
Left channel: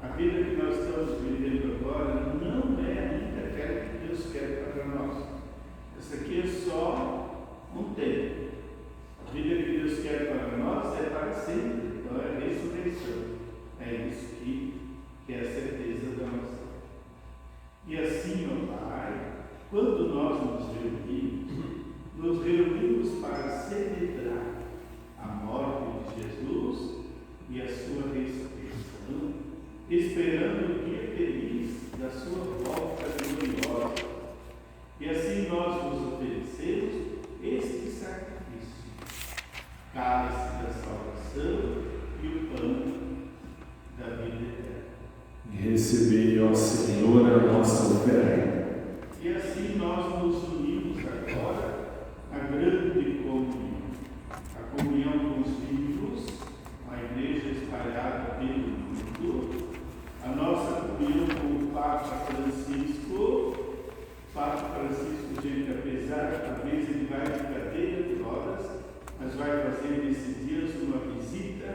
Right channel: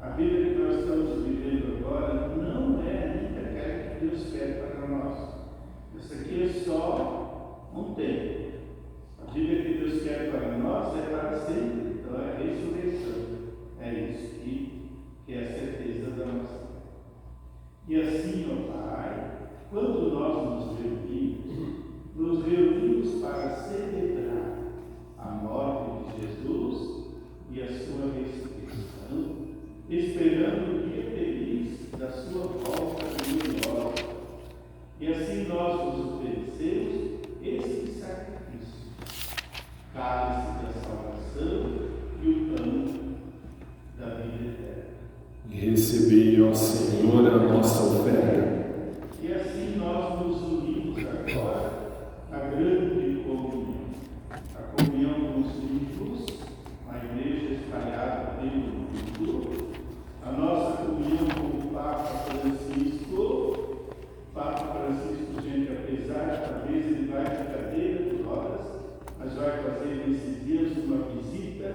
A vida que nós estamos vivendo agora não é ainda aquela que Deus quer para nós. Essa aqui é só um tempo. A vida que Deus quer para nós é para sempre. Então é a ressurreição. É isso que é a certeza da nossa vida. E assim, ó Pai, quando nós nos reunimos para celebrar a morte de Jesus e a sua ressurreição, esperando o dia feliz da sua volta gloriosa. E assim nós nos oferecemos este sacrifício, cálice da salvação e o pão Recebei, ó Senhor, a nossa oferta. E assim nós nos unimos agora à grande comunhão. A comunhão com os vivos, a igreja espalhada pelo mundo, a nossa comunhão com o Papa Francisco. Papa Francisco, gente, apesar, talvez ele vai de cadeira de rodas, mas vai fazer nesses dias uma visita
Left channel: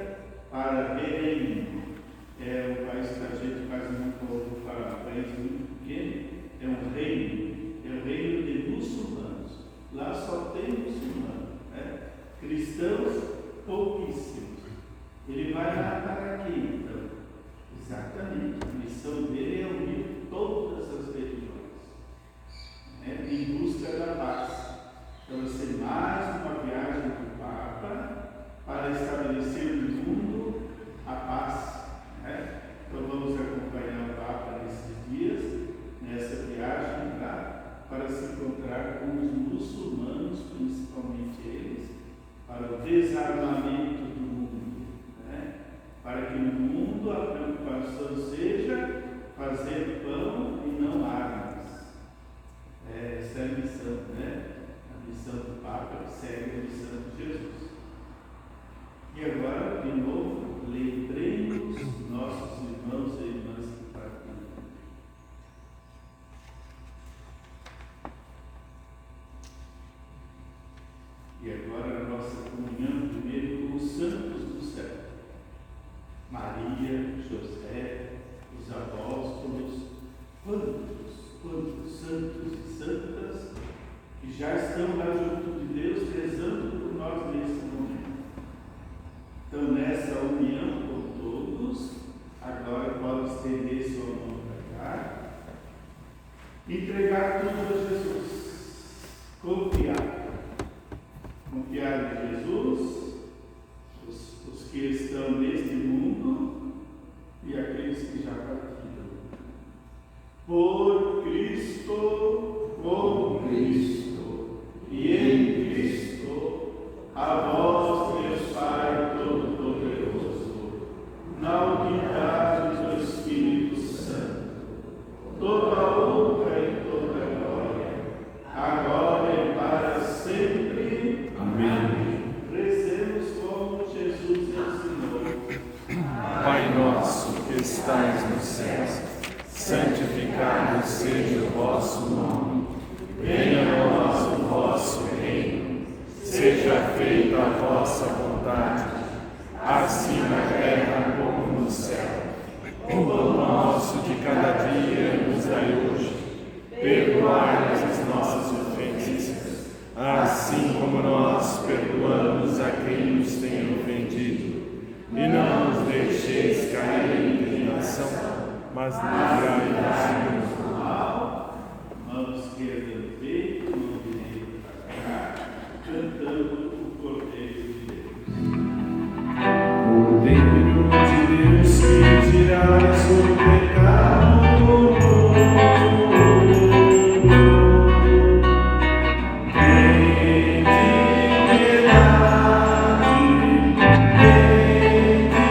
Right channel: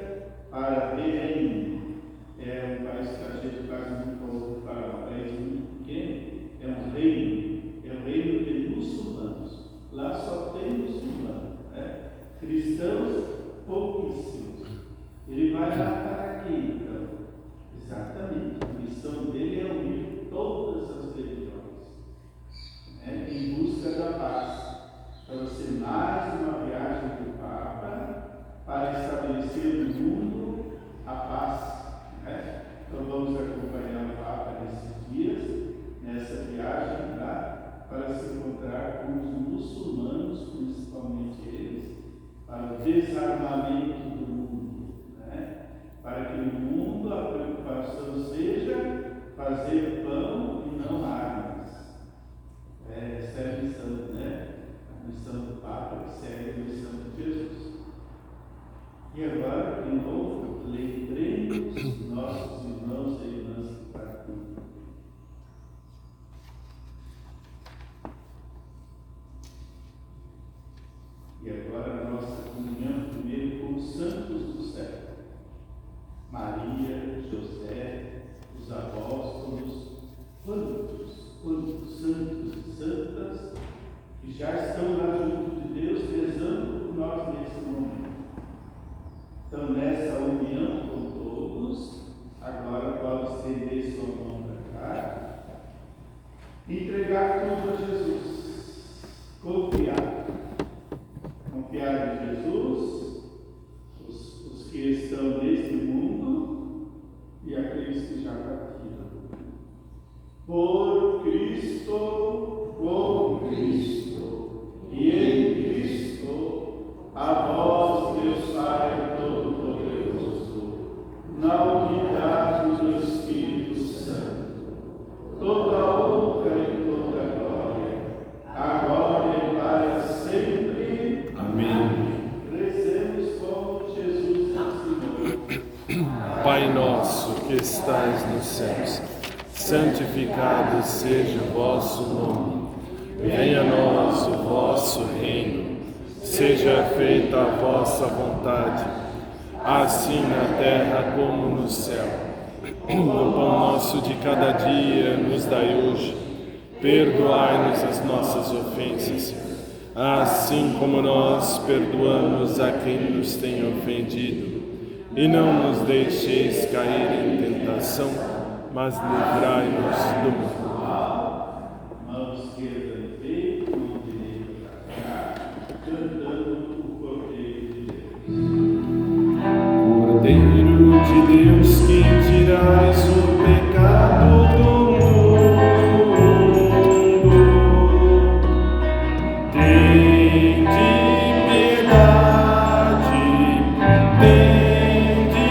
para Belém. É um país que a gente faz muito para um país muito pequeno, é um reino de muçulmanos. Lá só tem muçulmanos, né? Cristãos pouquíssimos. Ele vai lá para quê, então? Exatamente, a missão dele é unir todas as religiões, né? Em busca da paz. Então vai ser mais uma viagem do Papa para estabelecer no mundo a paz. Então vamos acompanhar o Papa nesses dias, nessa viagem lá, para se encontrar com os muçulmanos, principalmente eles, para o desarmamento do mundo, né? Para que no mundo a preocupação seja fazer pão e não armas. Essa é a missão, né? A missão do Papa, que segue a missão de Jesus. E agora, de novo, lembremos nossos irmãos e irmãs que partiram. E agora a nossa comunhão primeiro com os santos do céu. Maria, José, os apóstolos, quantos santos e santas que já estão lá junto de Deus, rezando por nós nesse momento. Então, nessa união com todos, agora pode estender sua mão para cá, entregar tudo a Jesus, confiar em Jesus, os que estão neste mundo e aqueles que já partiram. Por Cristo, com Cristo e em Cristo, a vós, Deus Pai Todo-Poderoso, na unidade do Espírito Santo, toda honra e toda glória, agora e para sempre. Amém. Rezemos como Jesus ensinou. Pai nosso que estais nos céus, santificado seja o vosso nome. Venha a nós o vosso reino. Seja feita a vossa vontade, assim na terra como no céu. O pão nosso de cada dia nos dai hoje. Perdoai-nos as nossas ofensas, assim como nós perdoamos a quem nos tem ofendido. E não nos deixeis cair em tentação, mas livrai-nos do mal. Mão esquerda no peito, mão direita para cá, cantando o Cordeiro de Deus. Cordeiro de Deus, que tirais o pecado do mundo, tende piedade, tende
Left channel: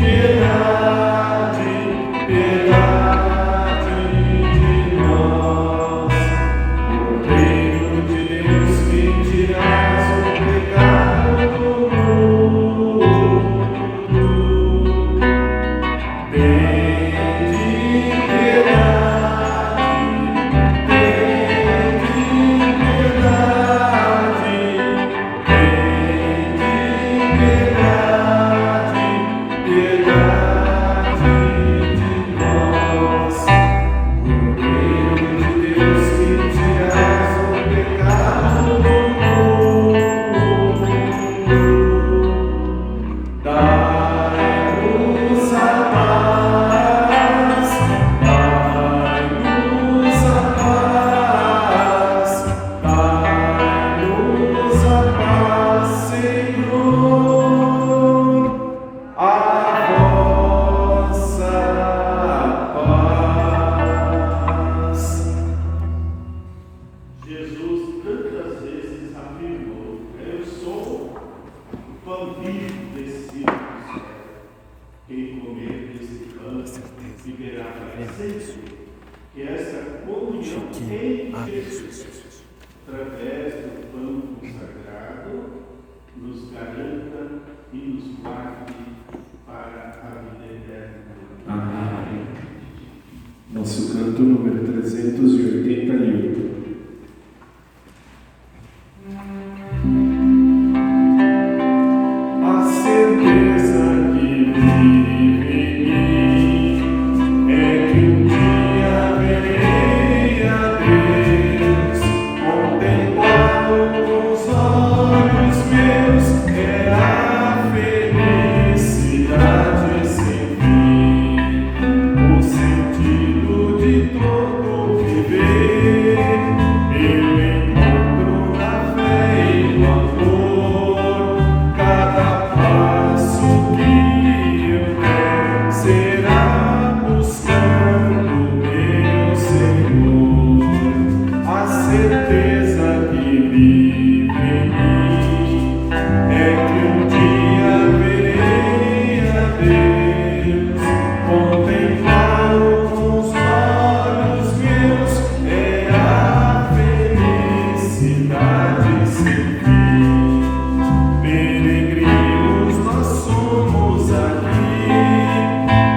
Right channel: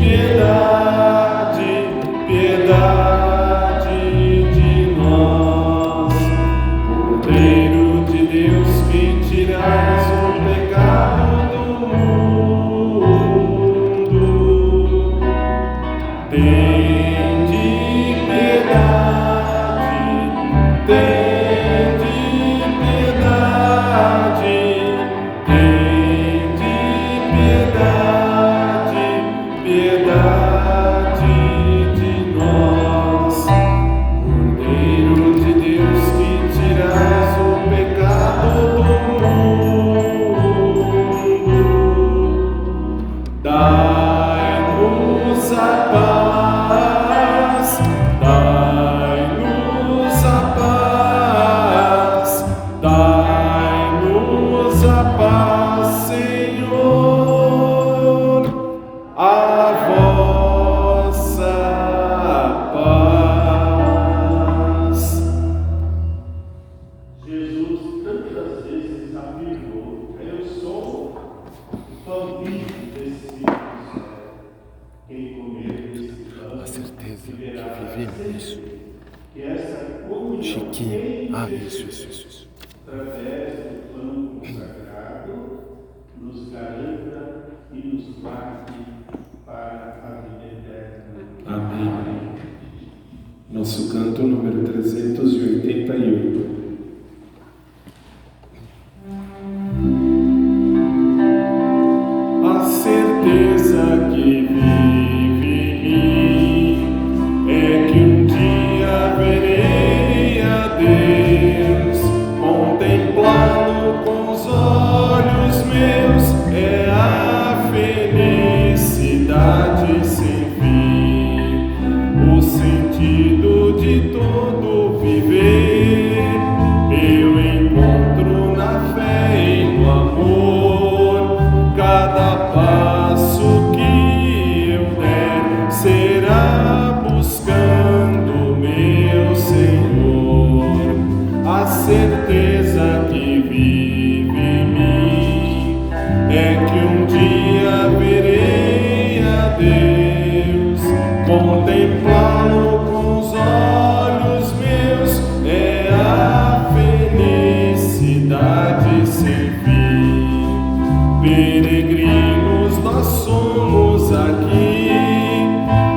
piedade, piedade. nos guarde para a vida eterna. Amém. Nosso canto número 388. A certeza que vive em mim é que um dia verei a Deus, contemplá-lo com os olhos meus, é a felicidade sem fim, o sentido de todo viver. Eu encontro na fé e no amor, cada passo que eu der será buscando meu Senhor. A certeza que vive em mim é que um dia verei a Deus, contemplá-lo com os olhos meus, é a felicidade sem fim. Peregrinos nós somos aqui,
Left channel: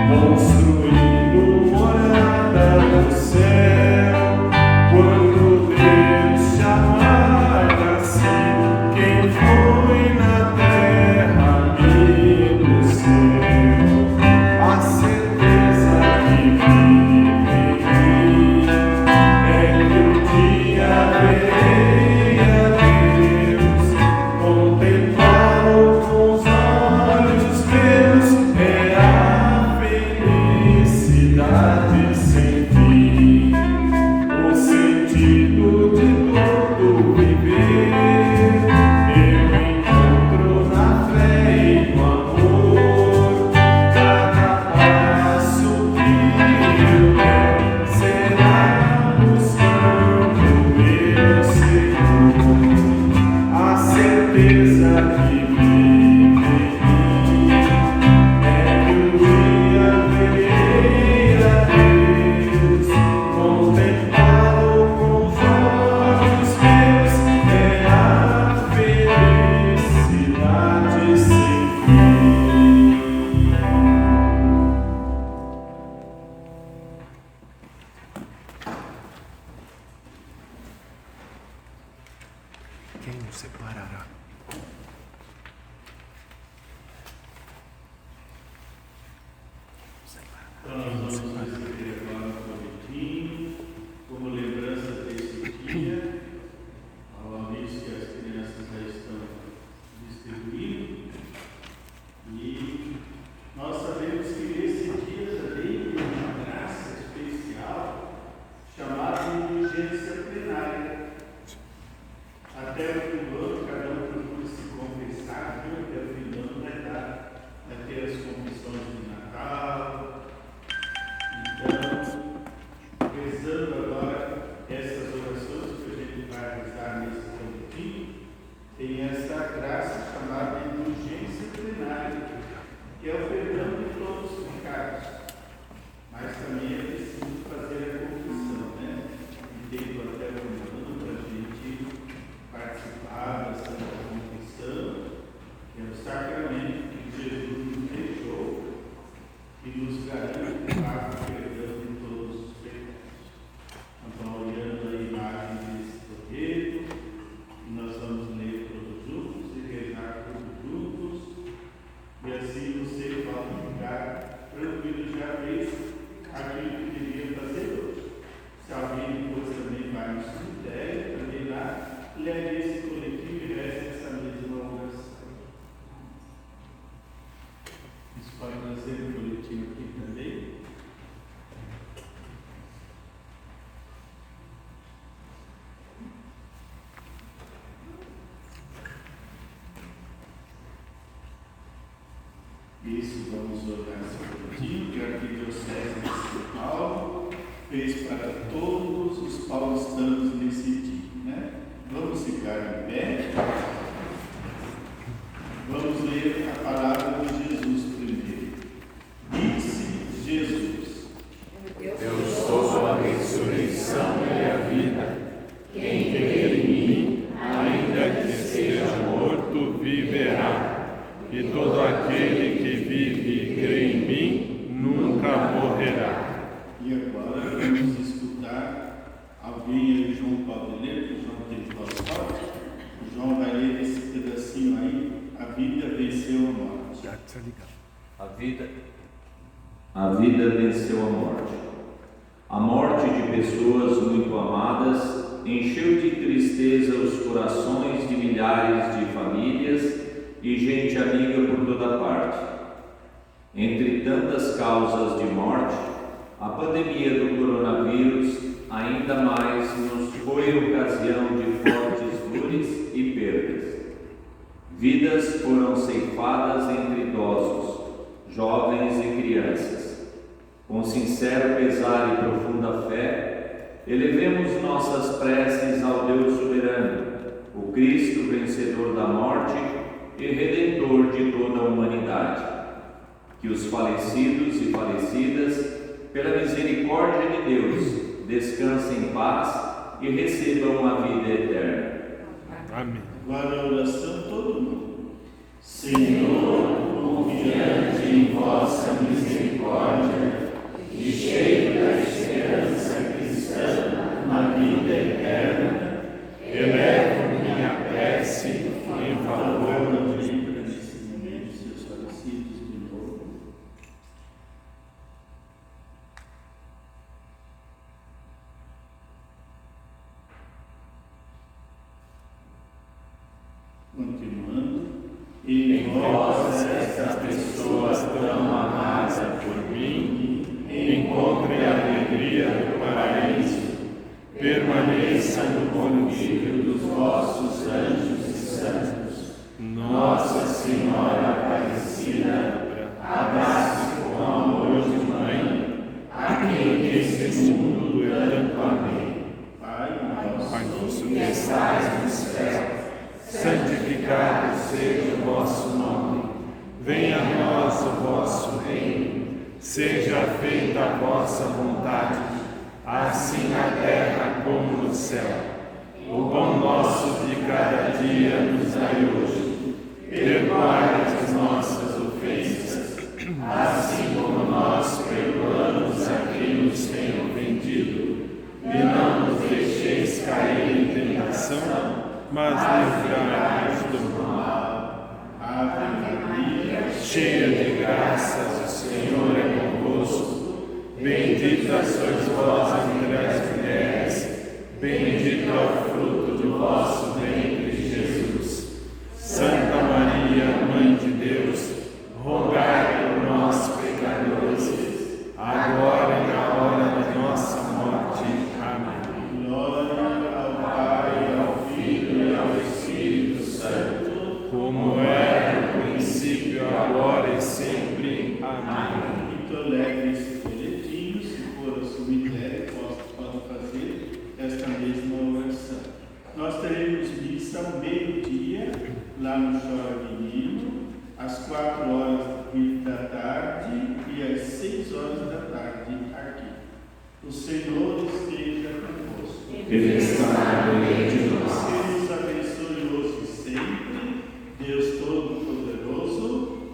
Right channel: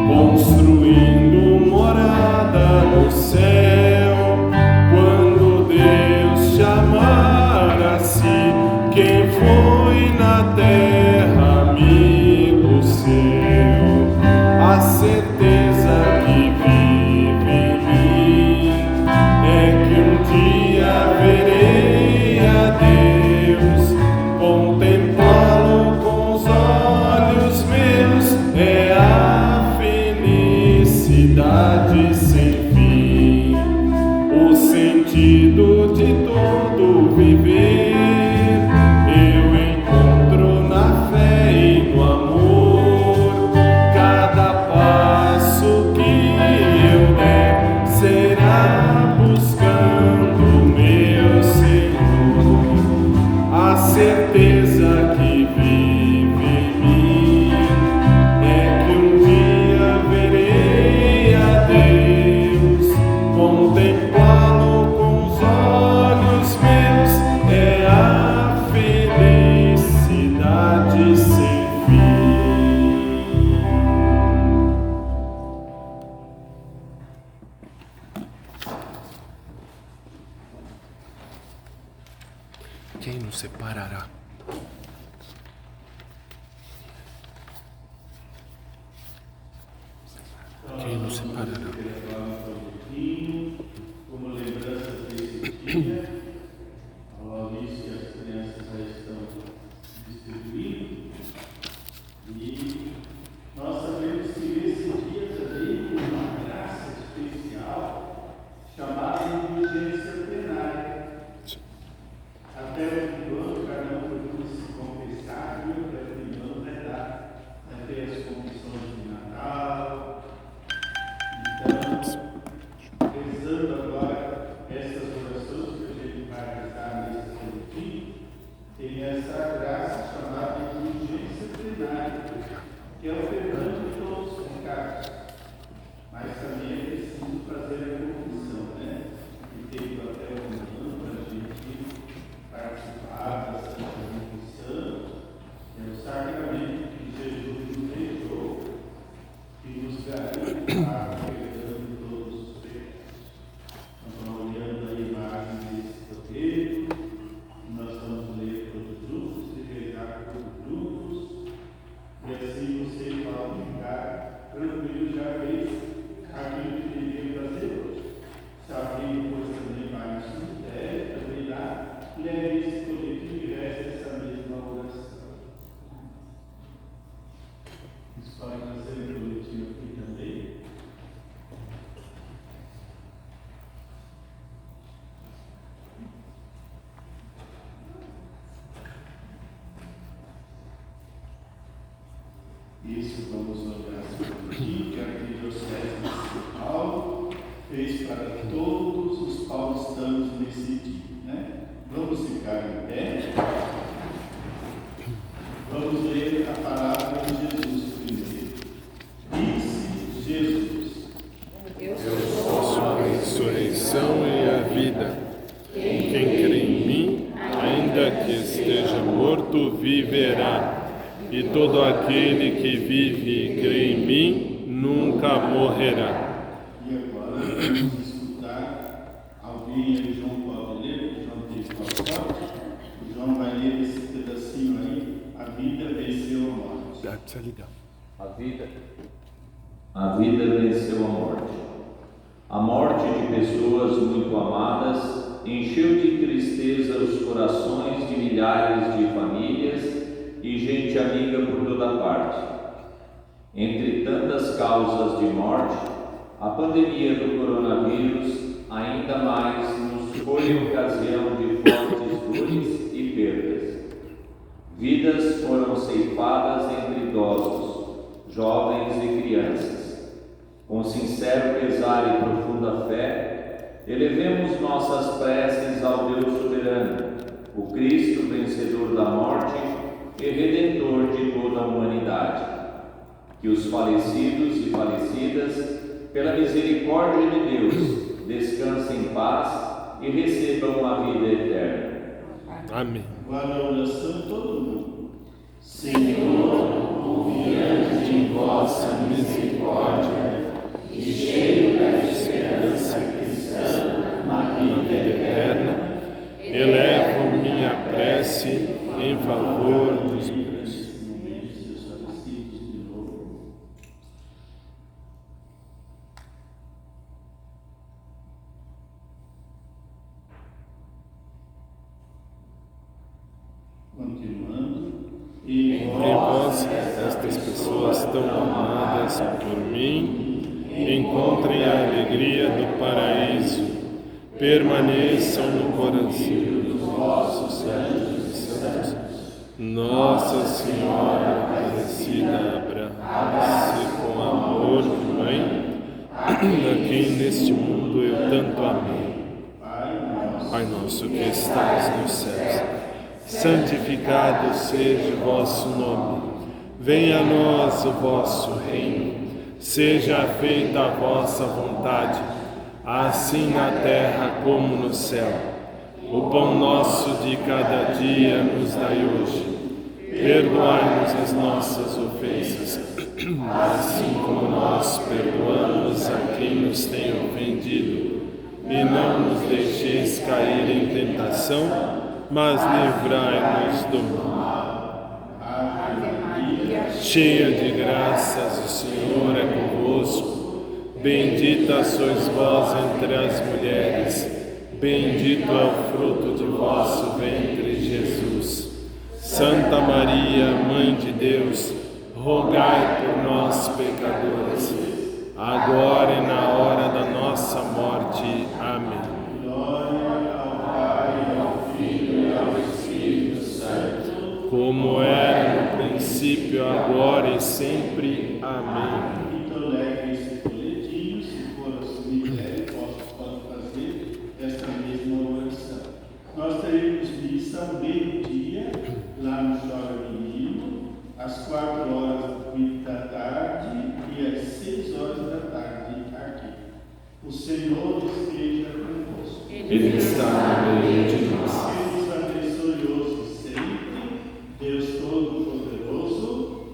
construindo morada no céu. Quando Deus chamar assim, quem foi na terra, amigo seu? A certeza que vive em mim é que um dia verei a Deus, contemplá-lo com os olhos meus, é a felicidade sem fim, o sentido de todo viver. Eu encontro na fé e no amor, cada passo que eu der será buscando meu Senhor. A certeza que vive em mim é que um dia verei a Deus, contemplá-lo com os olhos meus, é a felicidade sem fim. Quem nos separará? Quem nos separará? Como lembrança desse dia, a Maurício e as crianças já estão distribuindo, e nós sabemos que esse dia também tem uma graça especial chamada indulgência plenária. Até o último ano, cada um procura se confessar, e até o final do ano vai ter as confissões de Natal. Então, rezando agora essas orações que a gente vai rezar nesse boletim, tem essa graça chamada indulgência plenária, que é o perdão de todos os pecados, mas também é preciso fazer a confissão, né? E tem até o ano para a gente participar da Santa Confissão, que é o sacramento que Jesus nos deixou e nos garante o perdão de todos os pecados. Nós vamos olhando a imagem desse folheto, e nós vamos ler todos juntos e rezar todos juntos, e assim você pode ficar tranquilo, já fez aquilo que devia fazer hoje. Se alguém depois também vai no cemitério, também lá, leve esse coletivo e reze essa mesma oração. Isso pode nascer no coletivo aqui também. Isso, vamos olhar esse coletivo que a Arquidiocese de São Paulo fez para todos os paulistanos nesse dia, né? Vamos ficar em pé. Vamos ler a palavra de Jesus primeiro. Disse Jesus: Eu sou a ressurreição e a vida. Quem crê em mim, ainda que esteja morto, viverá. e todo aquele que vive e crê em mim nunca morrerá. E agora vamos escutar alguém aí, João pode ler, o João tem que falar forte. O João vai ler esse pedacinho aí, a vida venceu a morte. A vida venceu a morte. A morte de pessoas muito amadas encheu de tristeza os corações de milhares de famílias e gente amiga por toda parte. Entre tantas causas de morte, a pandemia do coronavírus ainda mais nos foi ocasião de fortes dores e perdas. Vidas foram ceifadas entre idosos, jovens e crianças. Com sincero pesar e profunda fé, elevemos nossas preces ao Deus soberano, o Cristo vencedor da morte e redentor de toda a humanidade. Que os falecidos e falecidas, pela misericórdia de Deus, descansem em paz e recebam a vida eterna. Amém. Agora a oração todo mundo. Senhor, confiante em vossa misericórdia e cheio da esperança cristã na vida eterna, elevo minha prece em favor dos meus. Seus falecidos de novo. Continuando. Em vós, estas pessoas tão amadas por mim, encontrem a alegria do paraíso, permaneçam no coração dos vossos anjos e santos. Nossa Senhora Aparecida, abrace com amor de mãe, a quem neste mundo eu tanto amei. Pai nosso que estás nos céus, santificado seja o vosso nome. Venha a nós o vosso reino. Seja feita a vossa vontade, assim na terra como no céu. O pão nosso de cada dia nos dai hoje. Perdoai-nos as nossas ofensas, assim como nós perdoamos a quem nos tem ofendido. E não nos deixeis cair em tentação, mas livrai-nos do mal. Ave Maria, Cheia de graças, o Senhor é convosco. Bendita sois vós entre as mulheres, bendito é o fruto do vosso ventre, Jesus. Santa Maria, Mãe de Deus, rogai por nós, pecadores, agora e na hora da nossa morte. Amém. Glória ao Pai, ao Filho e ao Espírito Santo, como era no princípio, agora e sempre. Amém. Então leve esse folhetinho, se for a sua ideia, pode fazer esta mesma oração. Nós teremos missa ao meio-dia, lá no Chora Menino, às 4h da tarde e às 6h da tarde aqui. O Senhor esteja convosco. Ele está no meio de nós. Deus abençoe hoje e sempre, Deus Todo-Poderoso,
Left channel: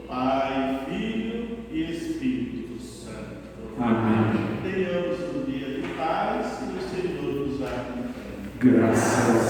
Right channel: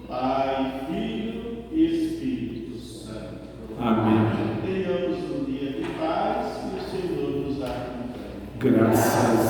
Pai, Filho e Espírito Santo. Amém. Tenhamos um dia de paz, que o Senhor nos acompanhe. Graças